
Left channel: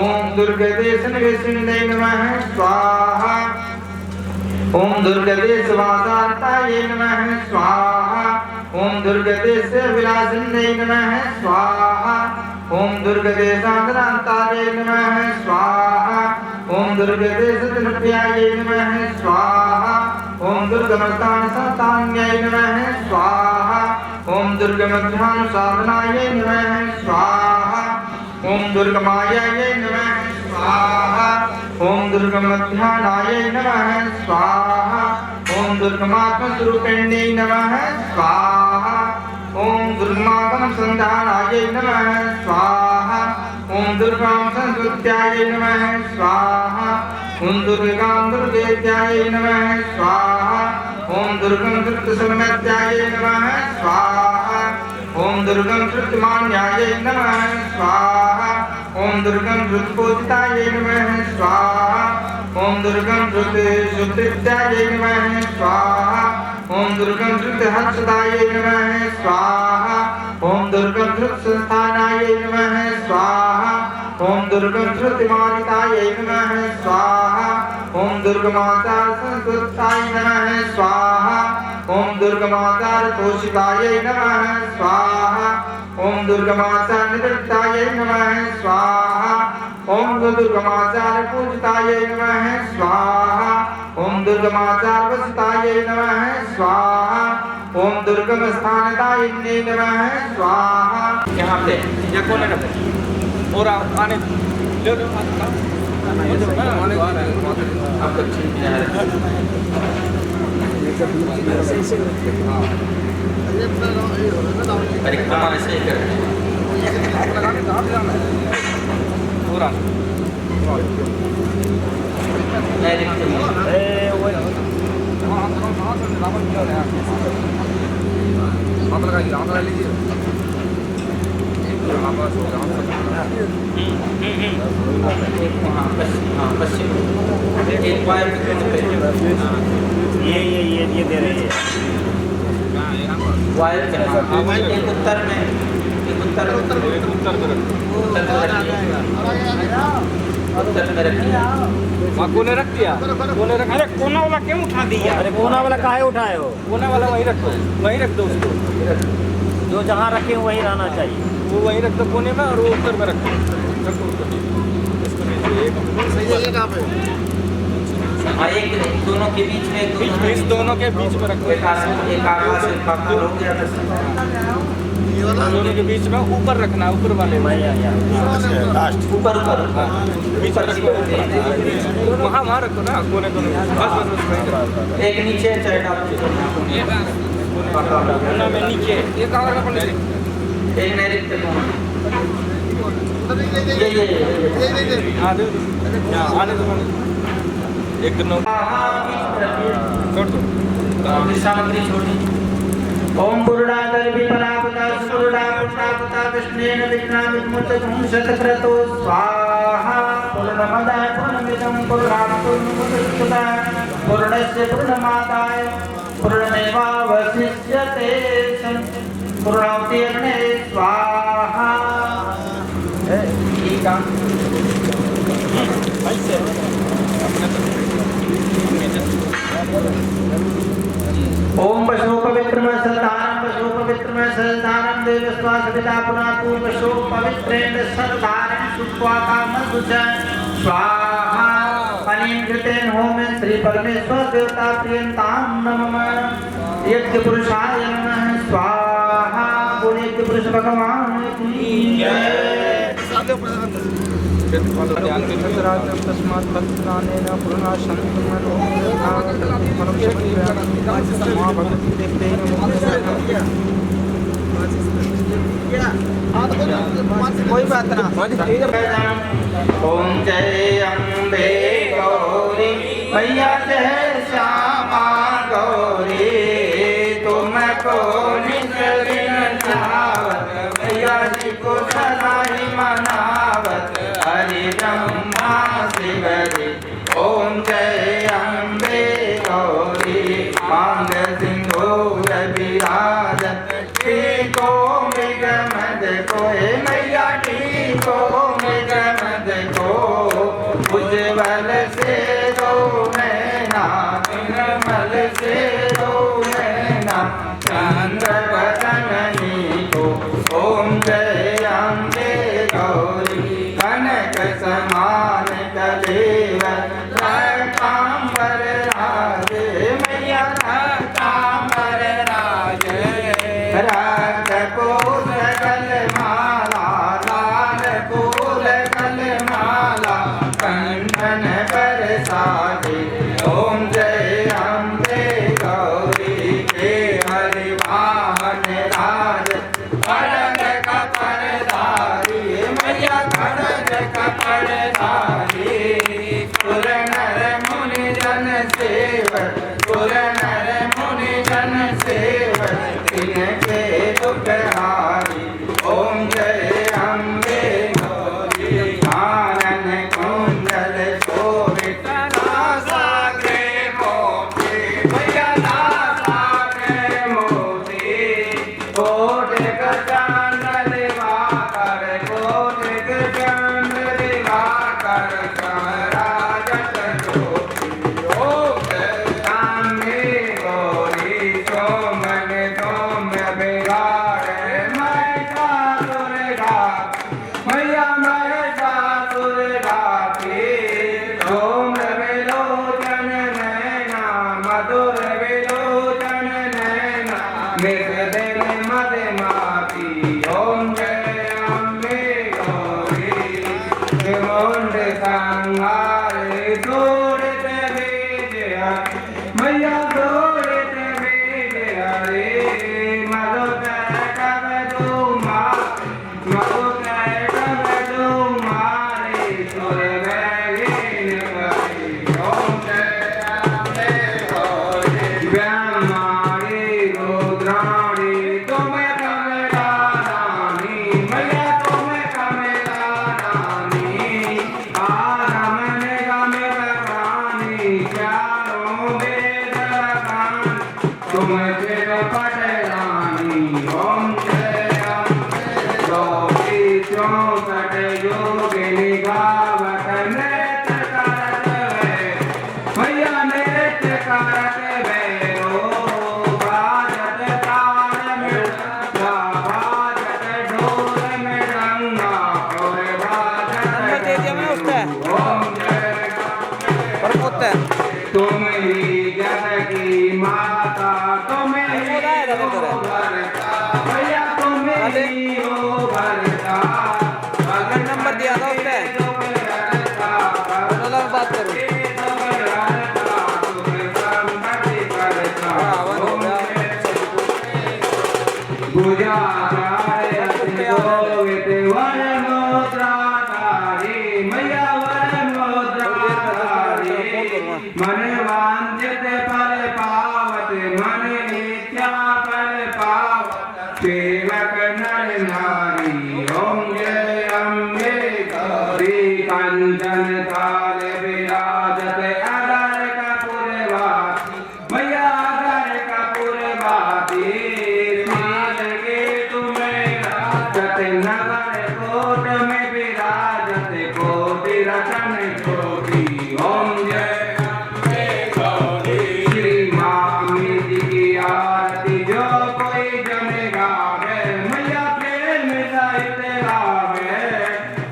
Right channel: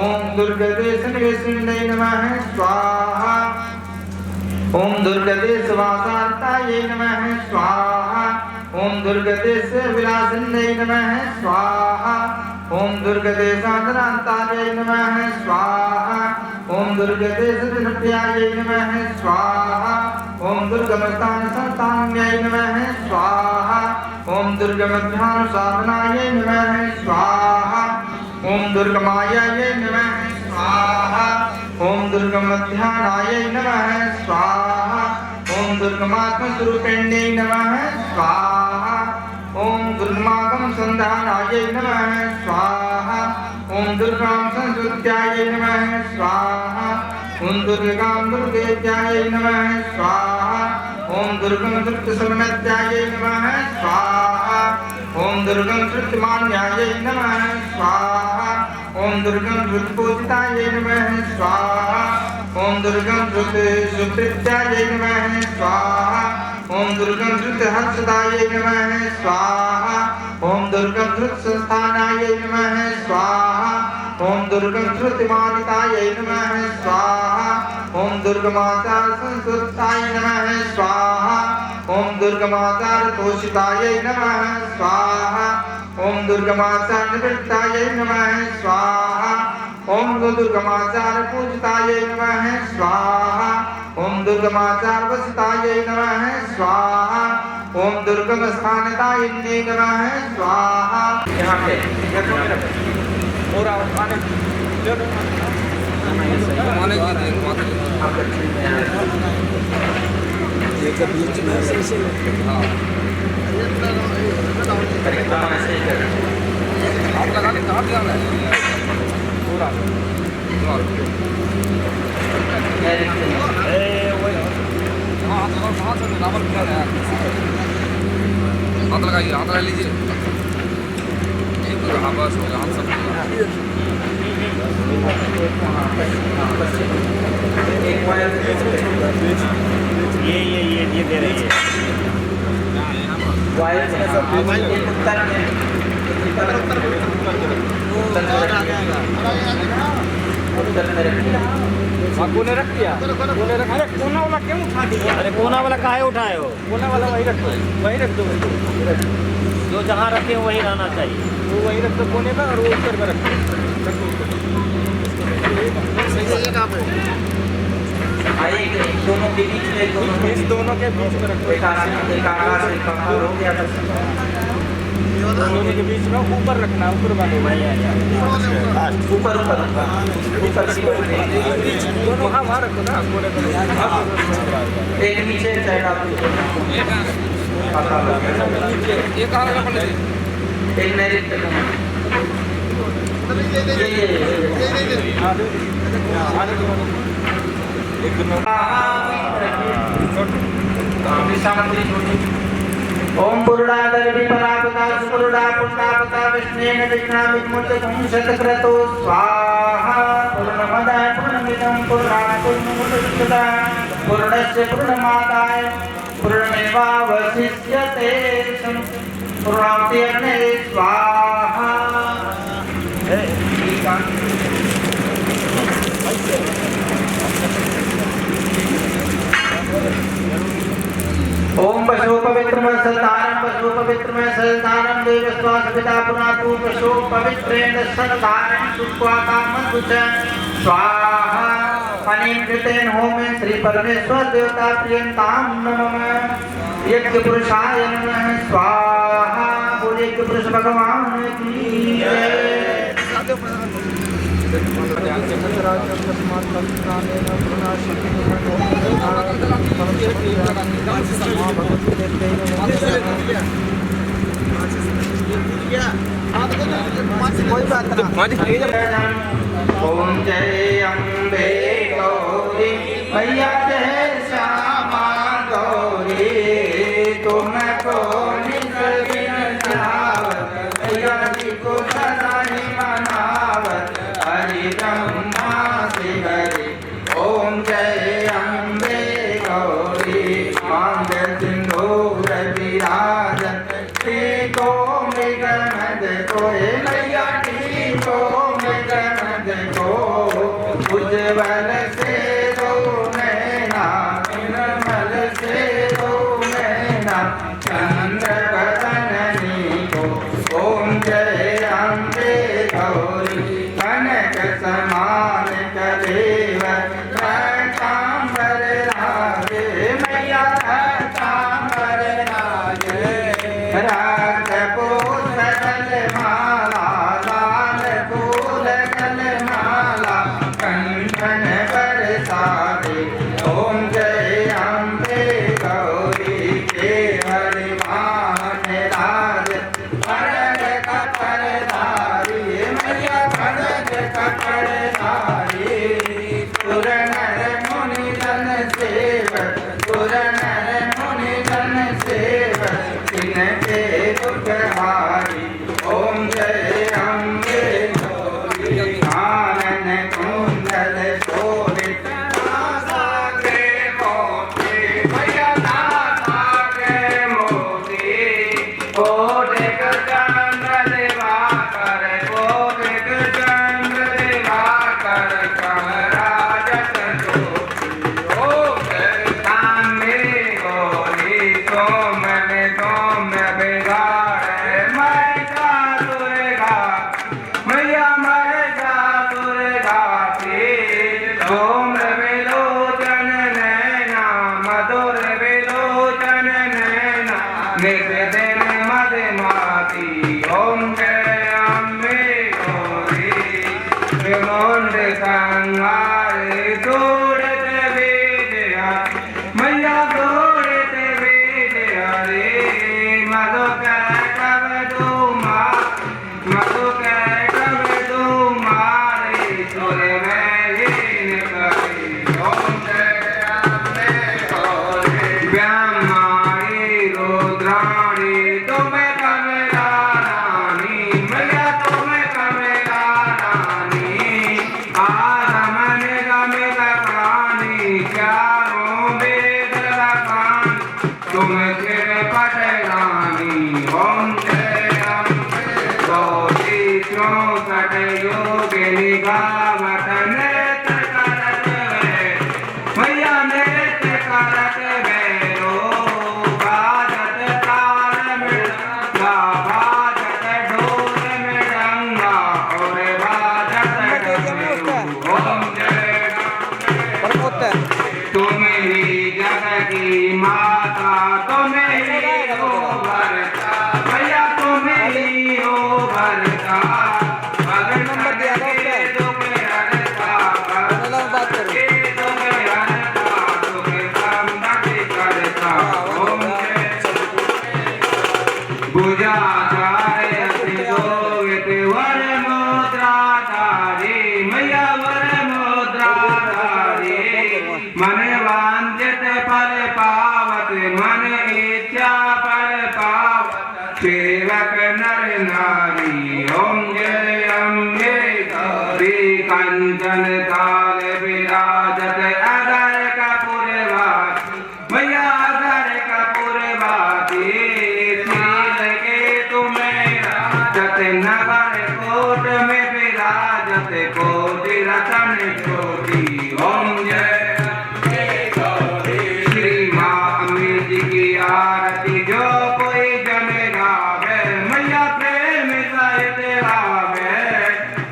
ओम दुर्गदेशनिवेशिन्यै नमः स्वाहा ओम दुर्गदेशवासार्तायै नमः स्वाहा ओम दुर्गदेशविलासिन्यै नमः स्वाहा ओम दुर्गते साधनांतायै नमः स्वाहा ओम दुर्गते सतनप्यायै नमः स्वाहा ओम दुर्गमस्तान संतान्यै नमः स्वाहा ओम दुर्गमध्यानुसाधनायै नमः स्वाहा ओम दुर्गमायायै नमः स्वाहा ओम दुर्गमध्यानायै नमः स्वाहा ओम दुर्गमात्मस्वरूपिण्यै नमः स्वाहा ओम दुर्गमागम संधानायै नमः स्वाहा ओम दुर्गां संस्तुत्यायै नमः स्वाहा ओम दुर्गां दुर्गेत्यायै नमः स्वाहा ओम दुर्गं धृतसम्यत्यायै नमः स्वाहा ओम दुर्गं धृतमान्यायै नमः स्वाहा ओम दुर्गं धृतपूजितायै नमः स्वाहा ओम दुर्गं धृतसुतृत्यायै नमः स्वाहा ओम दुर्गं धृतहर्षदायै नमः स्वाहा ओम दुर्गं धृतसंस्थानायै नमः स्वाहा ओम दुर्गं धृतमानितायै नमः स्वाहा ओम दुर्गमाता संस्कृतायै नमः स्वाहा ओम दुर्गमाता तोषितायै नमः स्वाहा ओम दुर्गमाता निवृत्तायै नमः स्वाहा ओम दुर्गमाता पूजितायै नमः स्वाहा ओम दुर्गमाता वसितायै नमः स्वाहा ओम दुर्गमस्थानतायै नमः स्वाहा। यहाँ पे ये कौन है और आने जो आप दक्षिण में परिक्रमा ऐसे ही कर पूरा हाथ लीजिए ये दे रही है उत्तर में कोने रख दिया अरे कोना वाला क्यों उठा दिया? अरे कोना वाला काहे उठाए हो? कोना वाला वही रख दो, वही रख दो उसको। जो जहाँ रखे वही रहना चाहिए। वो वही रख दो कोने में और वो उत्तर में रख दो। सही है कहाँ पे? एक दोनों के बीच में दोनों के बीच में रखो। एक आधा से कम हो गया दोनों के बीच में ऊपर रखना, ऊपर वाले ऊपर वहाँ रखो ना कोने को। एक नीचे नीचे एक नैतिक ओम पुरुषादर विपरापता सुपुरुषा पुरुषापता विष्णुन विष्णा विमुक्तं शतक्रतो स्वाहा पूर्णमदाय पूर्णमिदं पूर्णात् पूर्णमुदच्यते पूर्णस्य पूर्णमादाय पूर्णमेवावशिष्यते पूर्णावति अग्ने स्वाहा। ओम पशु पवित्रमय सदानम पशु पवित्रमय सदानम देवस्वा सविता पुनातु पशु पवित्रेण सदानम सुस्वाताम सुच स्वाहा। अनेन कृतेन होमे श्री परमेश्वर देवता प्रियंताम नमः। यज्ञ पुरुषाय नमः स्वाहा। बोले यज्ञ पुरुष भगवान की जय। कोई बात ना। ओम जय अम्बे गौरी मैया जय श्यामा गौरी तुमको निज दिन ध्यावत मैया जी को सदा ही मनावत हरि ब्रह्मा शिवरी। ओम जय अम्बे गौरी मांगल सिंधूर विराजत टीको मृगमद को मैया टीको मृगमद को उज्ज्वल से दो नैना निर्मल से दो नैना चंद्र बदननी को। ओम जय अम्बे ओम जय अम्बे गौरी के हरिवाहन राज खड़ग कपड़धारी मैया खड़ग कपड़धारी सुर नर मुनि जन सेवक सुर नर मुनि जन सेवक तिनके दुख हारी ओम जय अम्बे गौरी आनन कुंडल शोभित नासा के मोती मैया नासा के मोती कोटि गगन दिवाकर कोटि गगन दिवाकर कमराजत ज्योति ओम सामने गौरी सोम बिगाड़ मैं सासुर घाट मैया मैं सासुर घाटी सोम विलोचन नैना मधुर विलोचन नैना नित दिन मधुमाती ओम जय अम्बे गौरी मुंड संहारे दौड़त विजया मैया दौड़त विजया रे मधु कर कब तुम्हारे सुर में ओम जय अम्बे गौरी ब्रह्माणी रुद्राणी तुम्हें कमला रानी मैया तुम्हें कमला रानी आगमन गमन प्राणी चारों वेद वखान तुम शिव पट रानी ओम जय अम्बे गौरी चौसठ योगिनी गावत नृत्य करत गए मैया नृत्य करत गए ओ बाजत ताल में बाजत ढोल में डंगा और बाजत ओम जय तुम ही जग की माता तुम ही हो भरता भैया तुम ही हो भरता नंबर दिया था उसने बात करूँ मन वांछित फल पावत मन इच्छा फल पावत सेवक नर नारी ओम जय अम्बे गौरी कंचन ताल विराजत अधर कपूर भात मैया अधर कपूर भाती माल के तुम्हें राजत नगर कोट में विराजत कोटि रतन ज्योति ओम जय आरती जो कोई जन गावे मैया प्रेम सहित गावे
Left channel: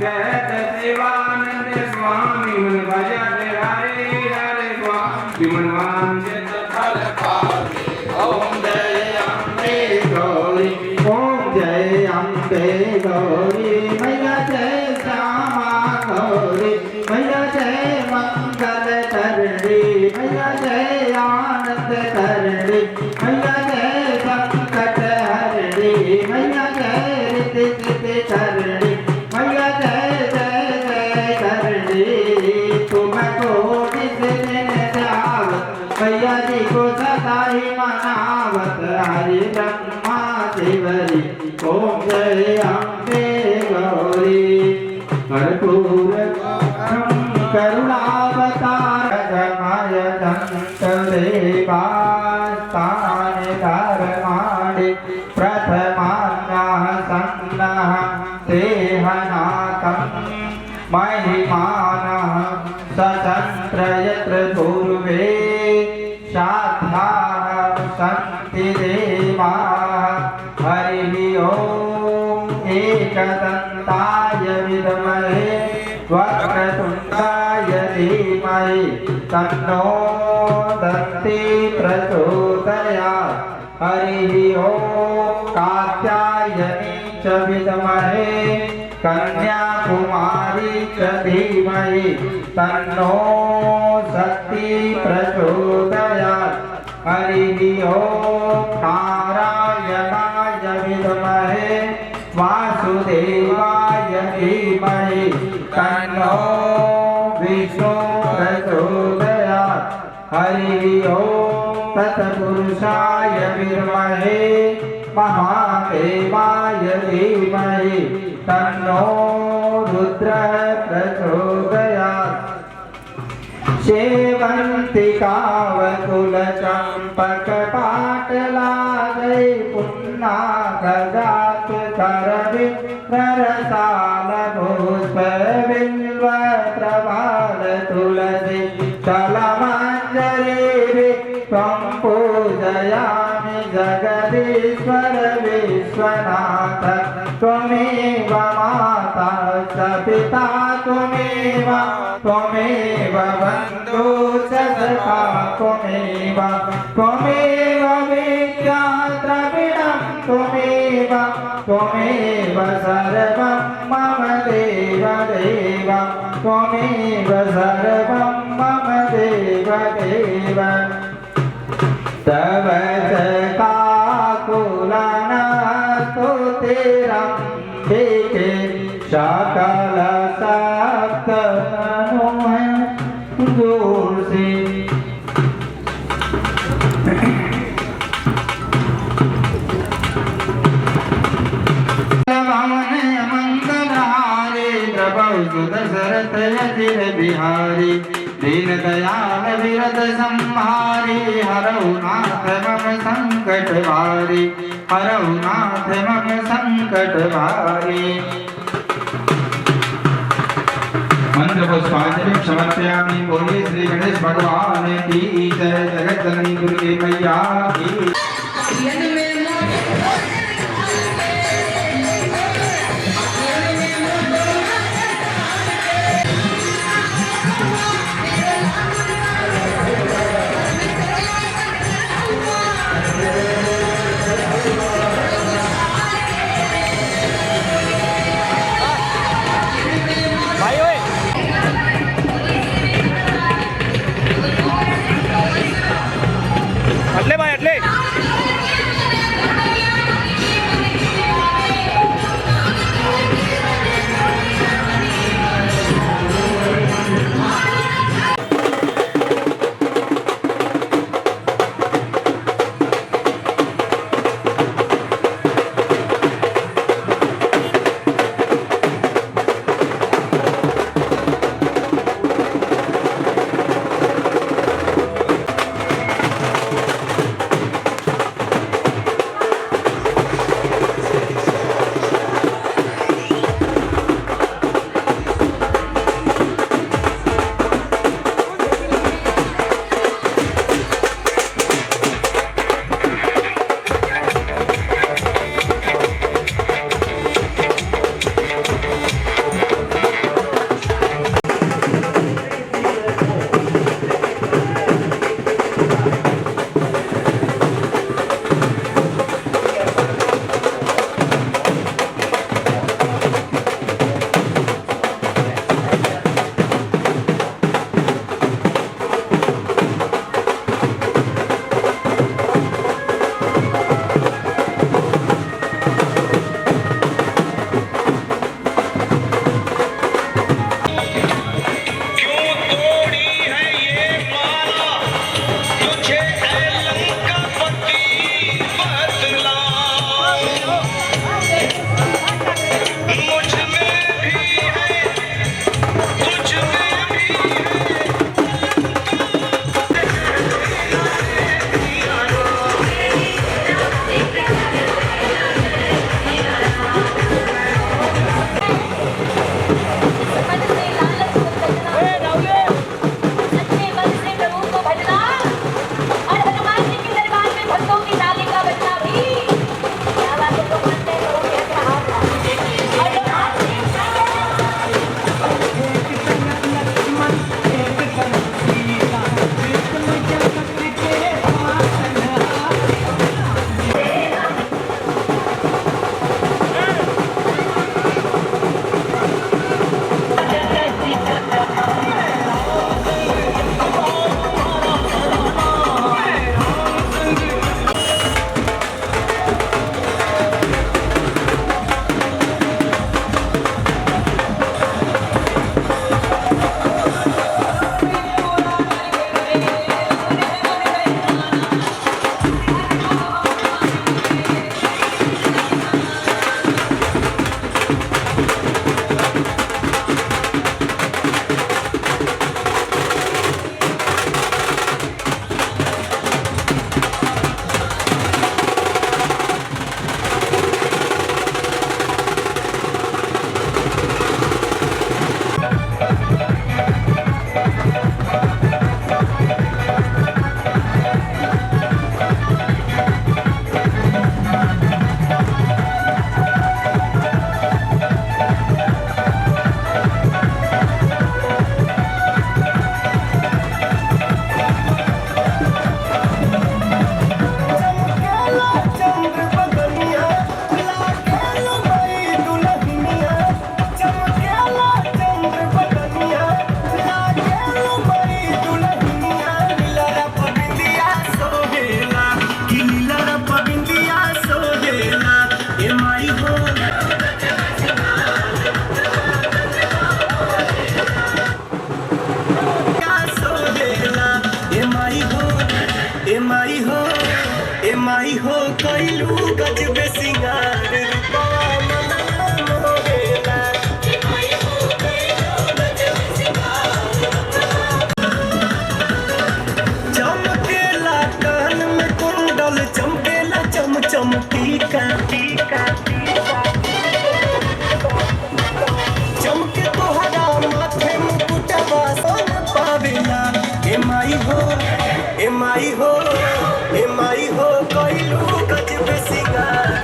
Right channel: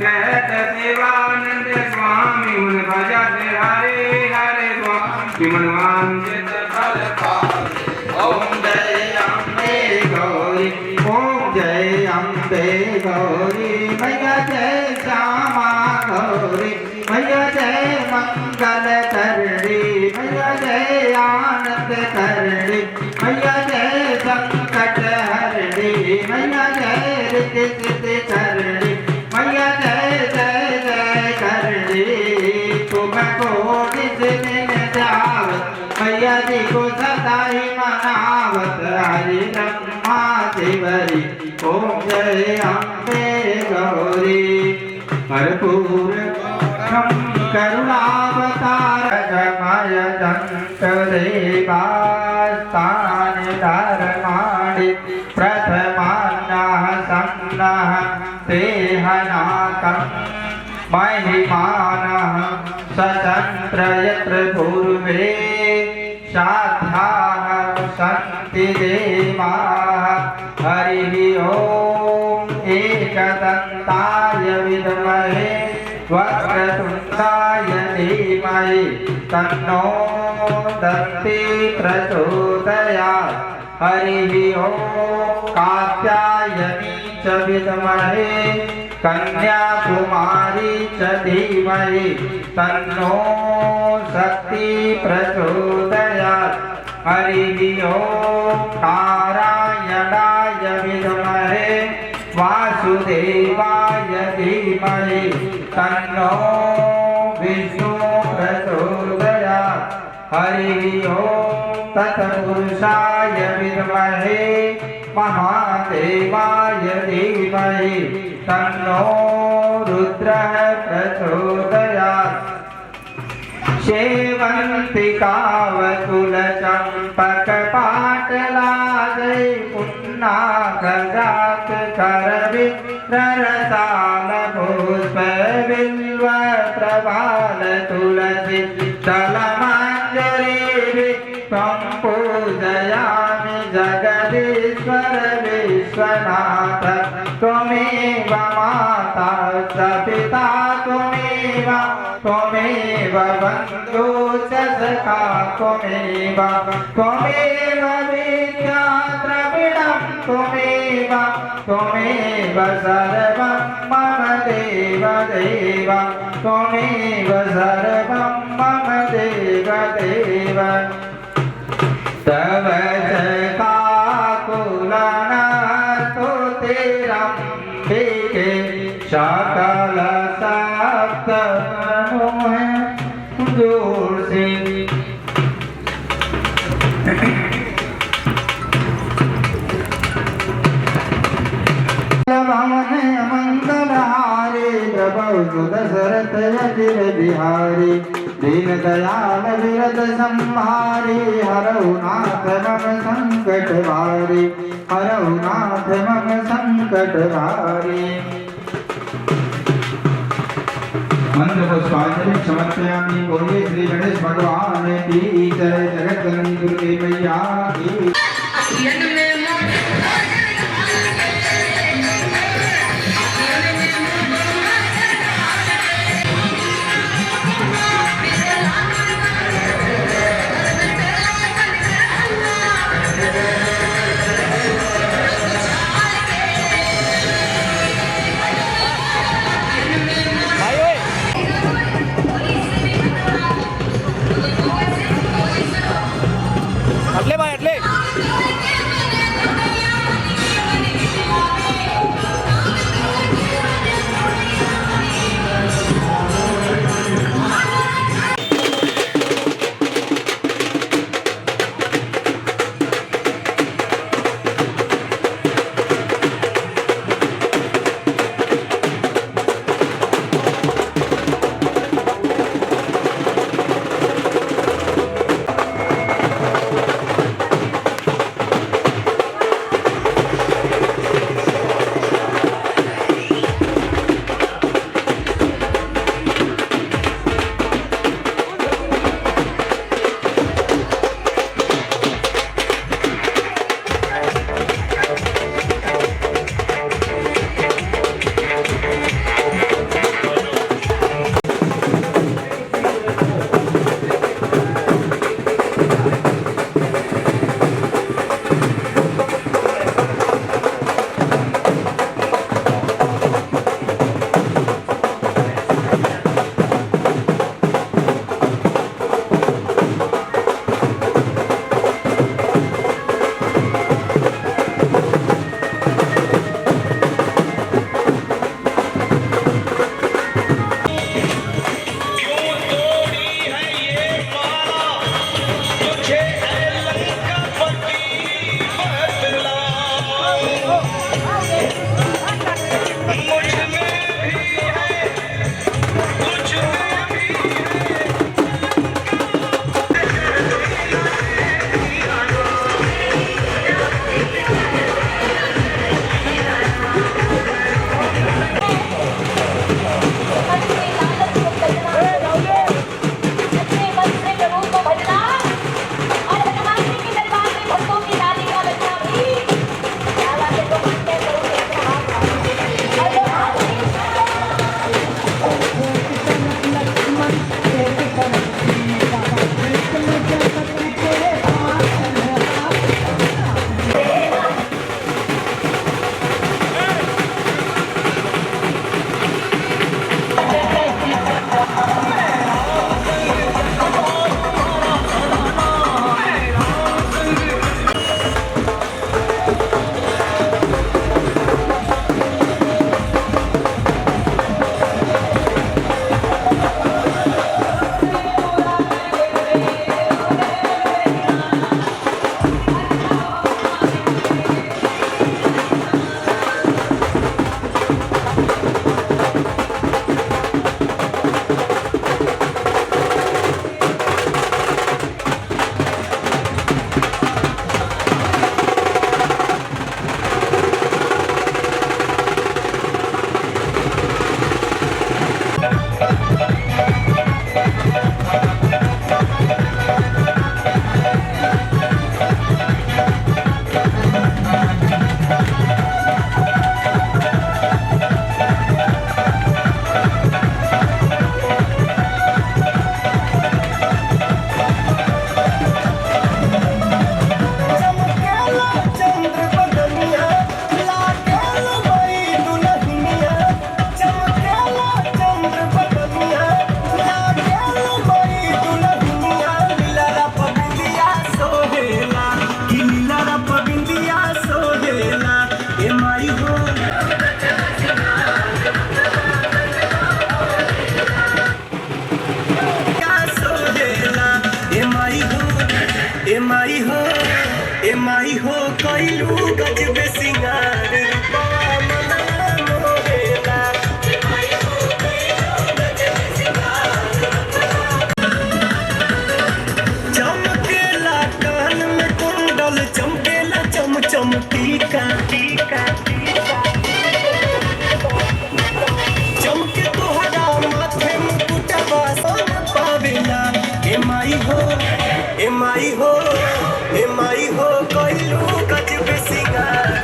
कहत शिवानंद स्वामी मन भजत हरे हरे स्वामी मन वांछित फल पावे ओम जय अम्बे गौरी ओम जय अम्बे गौरी मैया जय श्यामा गौरी मैया जय मंगल करणी मैया जय आनंद करणी मैया जय संकट हरणी मैया जय ऋति कृति करणी मैया जय जय जय करणी तुमको जिस दिन जावत मैया जी को सदा ही मनावत हरि ब्रह्मा देवरी ओम जय अम्बे गौरी कर्पूर करुणावतार जमय दंत देवास्तान धर्माणि प्रथमान्नः सन्नः तेहनाकम् महिमानः सचन्द्र यत्र पूर्वे साध्याः सन्ति देवाः हरिः ॐ एकदन्ताय विद्महे वक्रतुण्डाय धीमहि तन्नो दन्ति प्रचोदयात् हरिः ॐ कात्यायनी च विद्महे कन्याकुमारी च धीमहि तन्नो शक्ति प्रचोदयात् हरिः ओम नारायणाय विद्महे वासुदेवाय धीमहि तन्नो विष्णु प्रचोदयात् हरिः ओम तत्पुरुषाय विद्महे महादेवाय धीमहि तन्नो रुद्रः प्रचोदयात् सेवन्तिकावकुलचम्पकपाटलादै पुन्नागजात करविररसालपुष्पबिल्वप्रभालतुलसी चलमञ्जरीभिः त्वं पूजयामि जगदीश्वर विश्वनाथ त्वमेव माता च पिता त्वमेव बन्धु च सखा त्वमेव विद्या द्रविणं त्वमेव सर्वं मम देव त्वमेव सर्वं मम देव तव च काकुलनस्तुतिरं देते सकल जोर से मंगलहारे प्रभु दशरथ अजिर बिहारी दीन दयाल विरद संहारी हरौ नाथ मम संकट भारी हरौ नाथ मम संकट भारी मंत्र पुष्पांजलि समर्पयामि बोलिए श्री गणेश भगवान की जय जगत जननी दुर्गे मैया की એટલે ભાઈ એટલે माई हो कइलू गजबे सिंगार रूपवा मनवा मोहेला चमकेला कान में कुंडल चमकेला चम चम टीका चमके तोहरा माथे मुकुटवा सोन पावेला ए माई हो कइलू गजबे सिंगार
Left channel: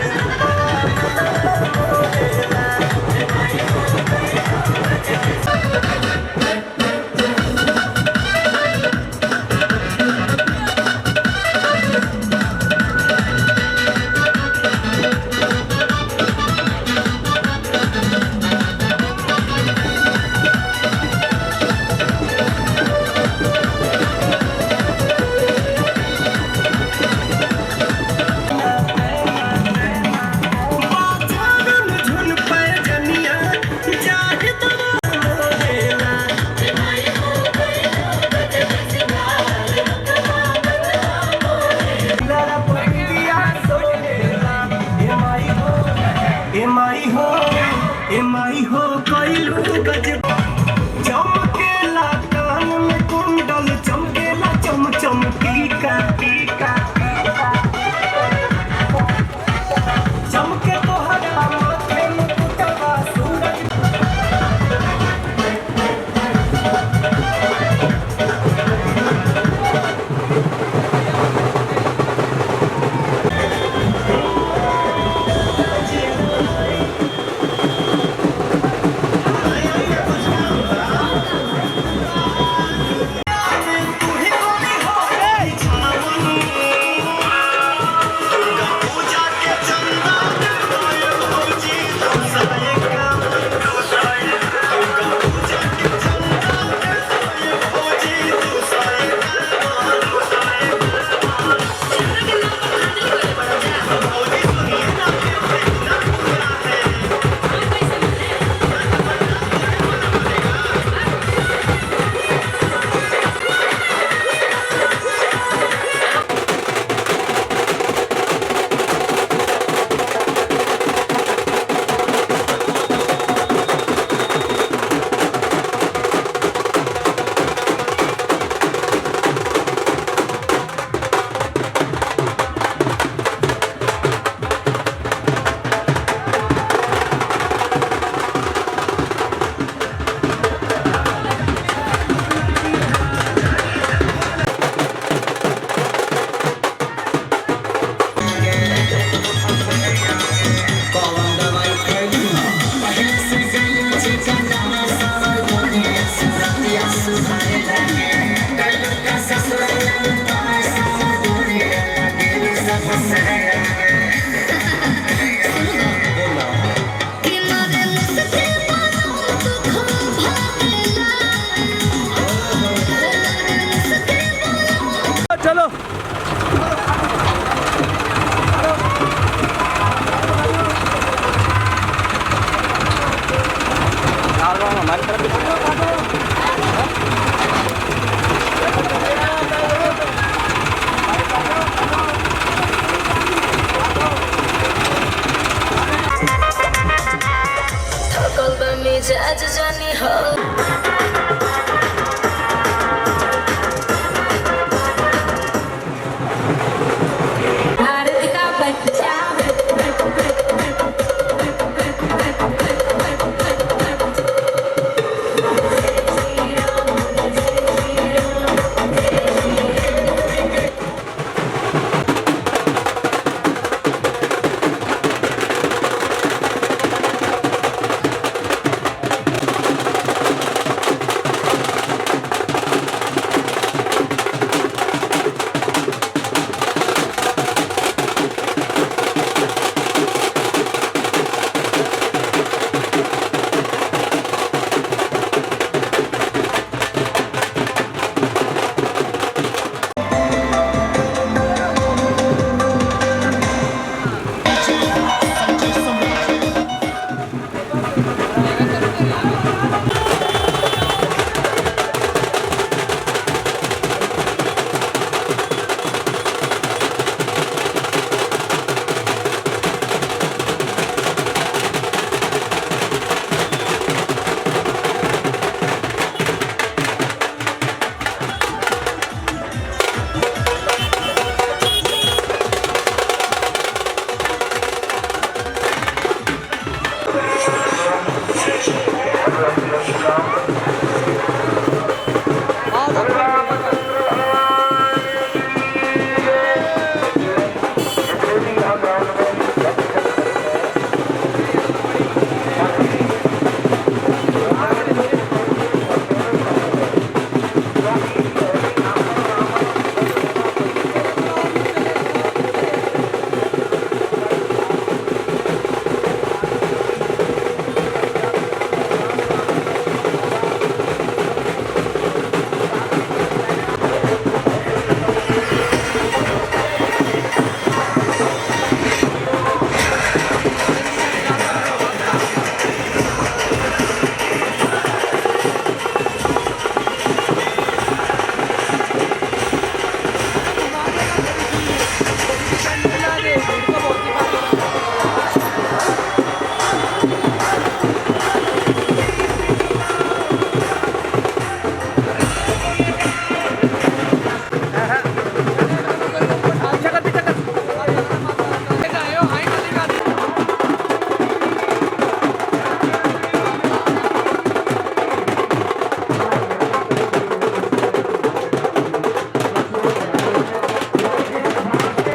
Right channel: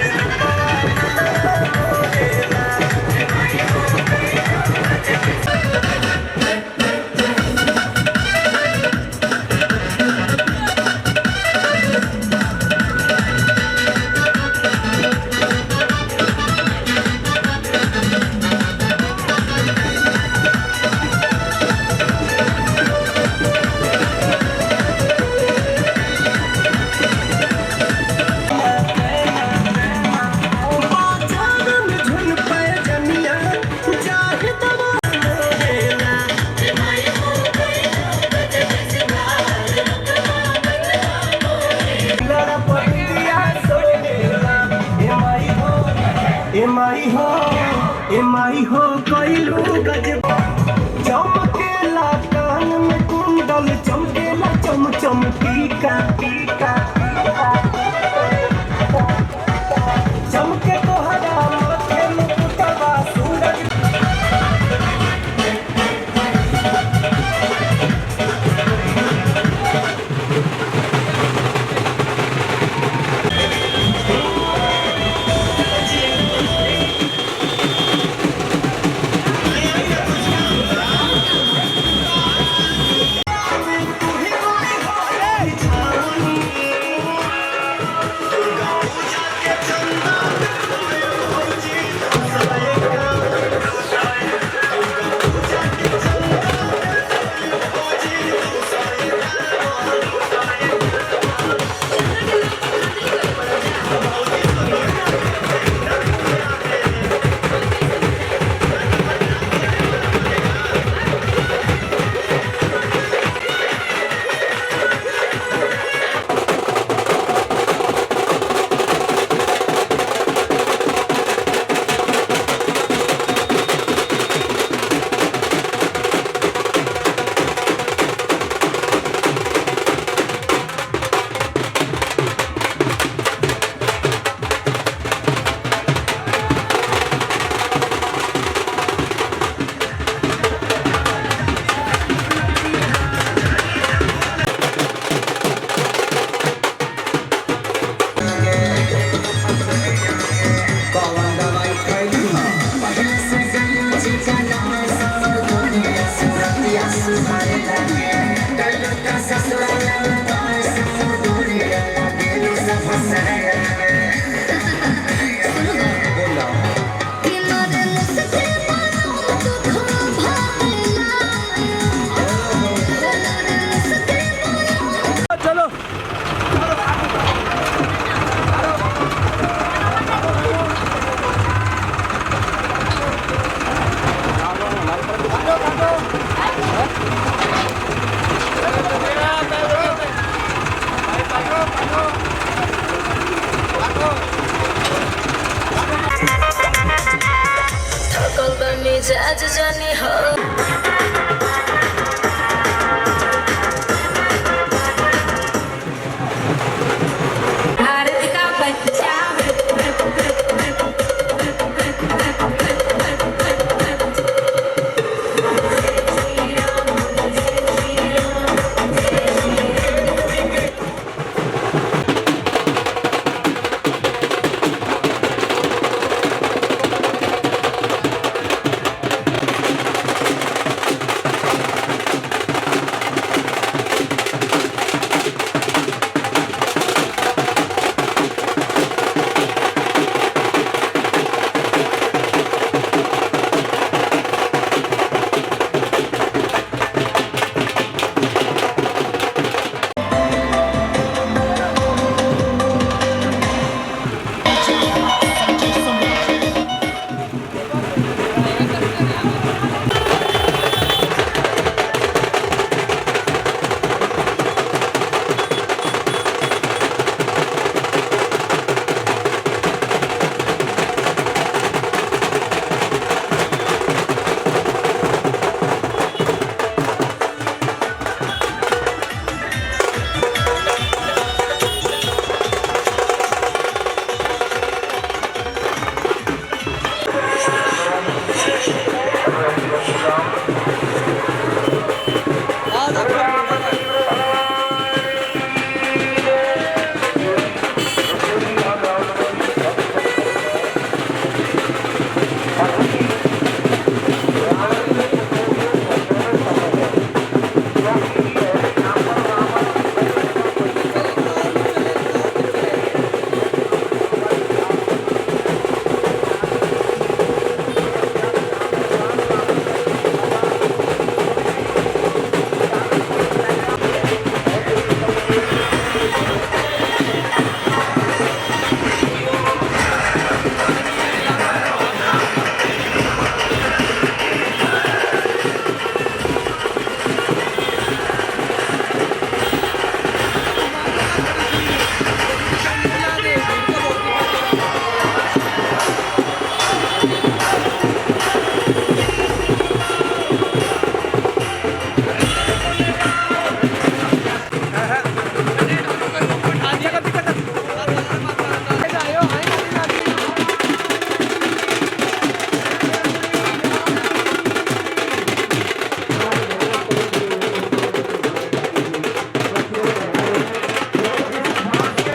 ए माई हो कइलू गजब चमकेला कान में कुंडल चमकेला चम चम टीका चमके तोहरा माथे मुकुटवा सूरज चलो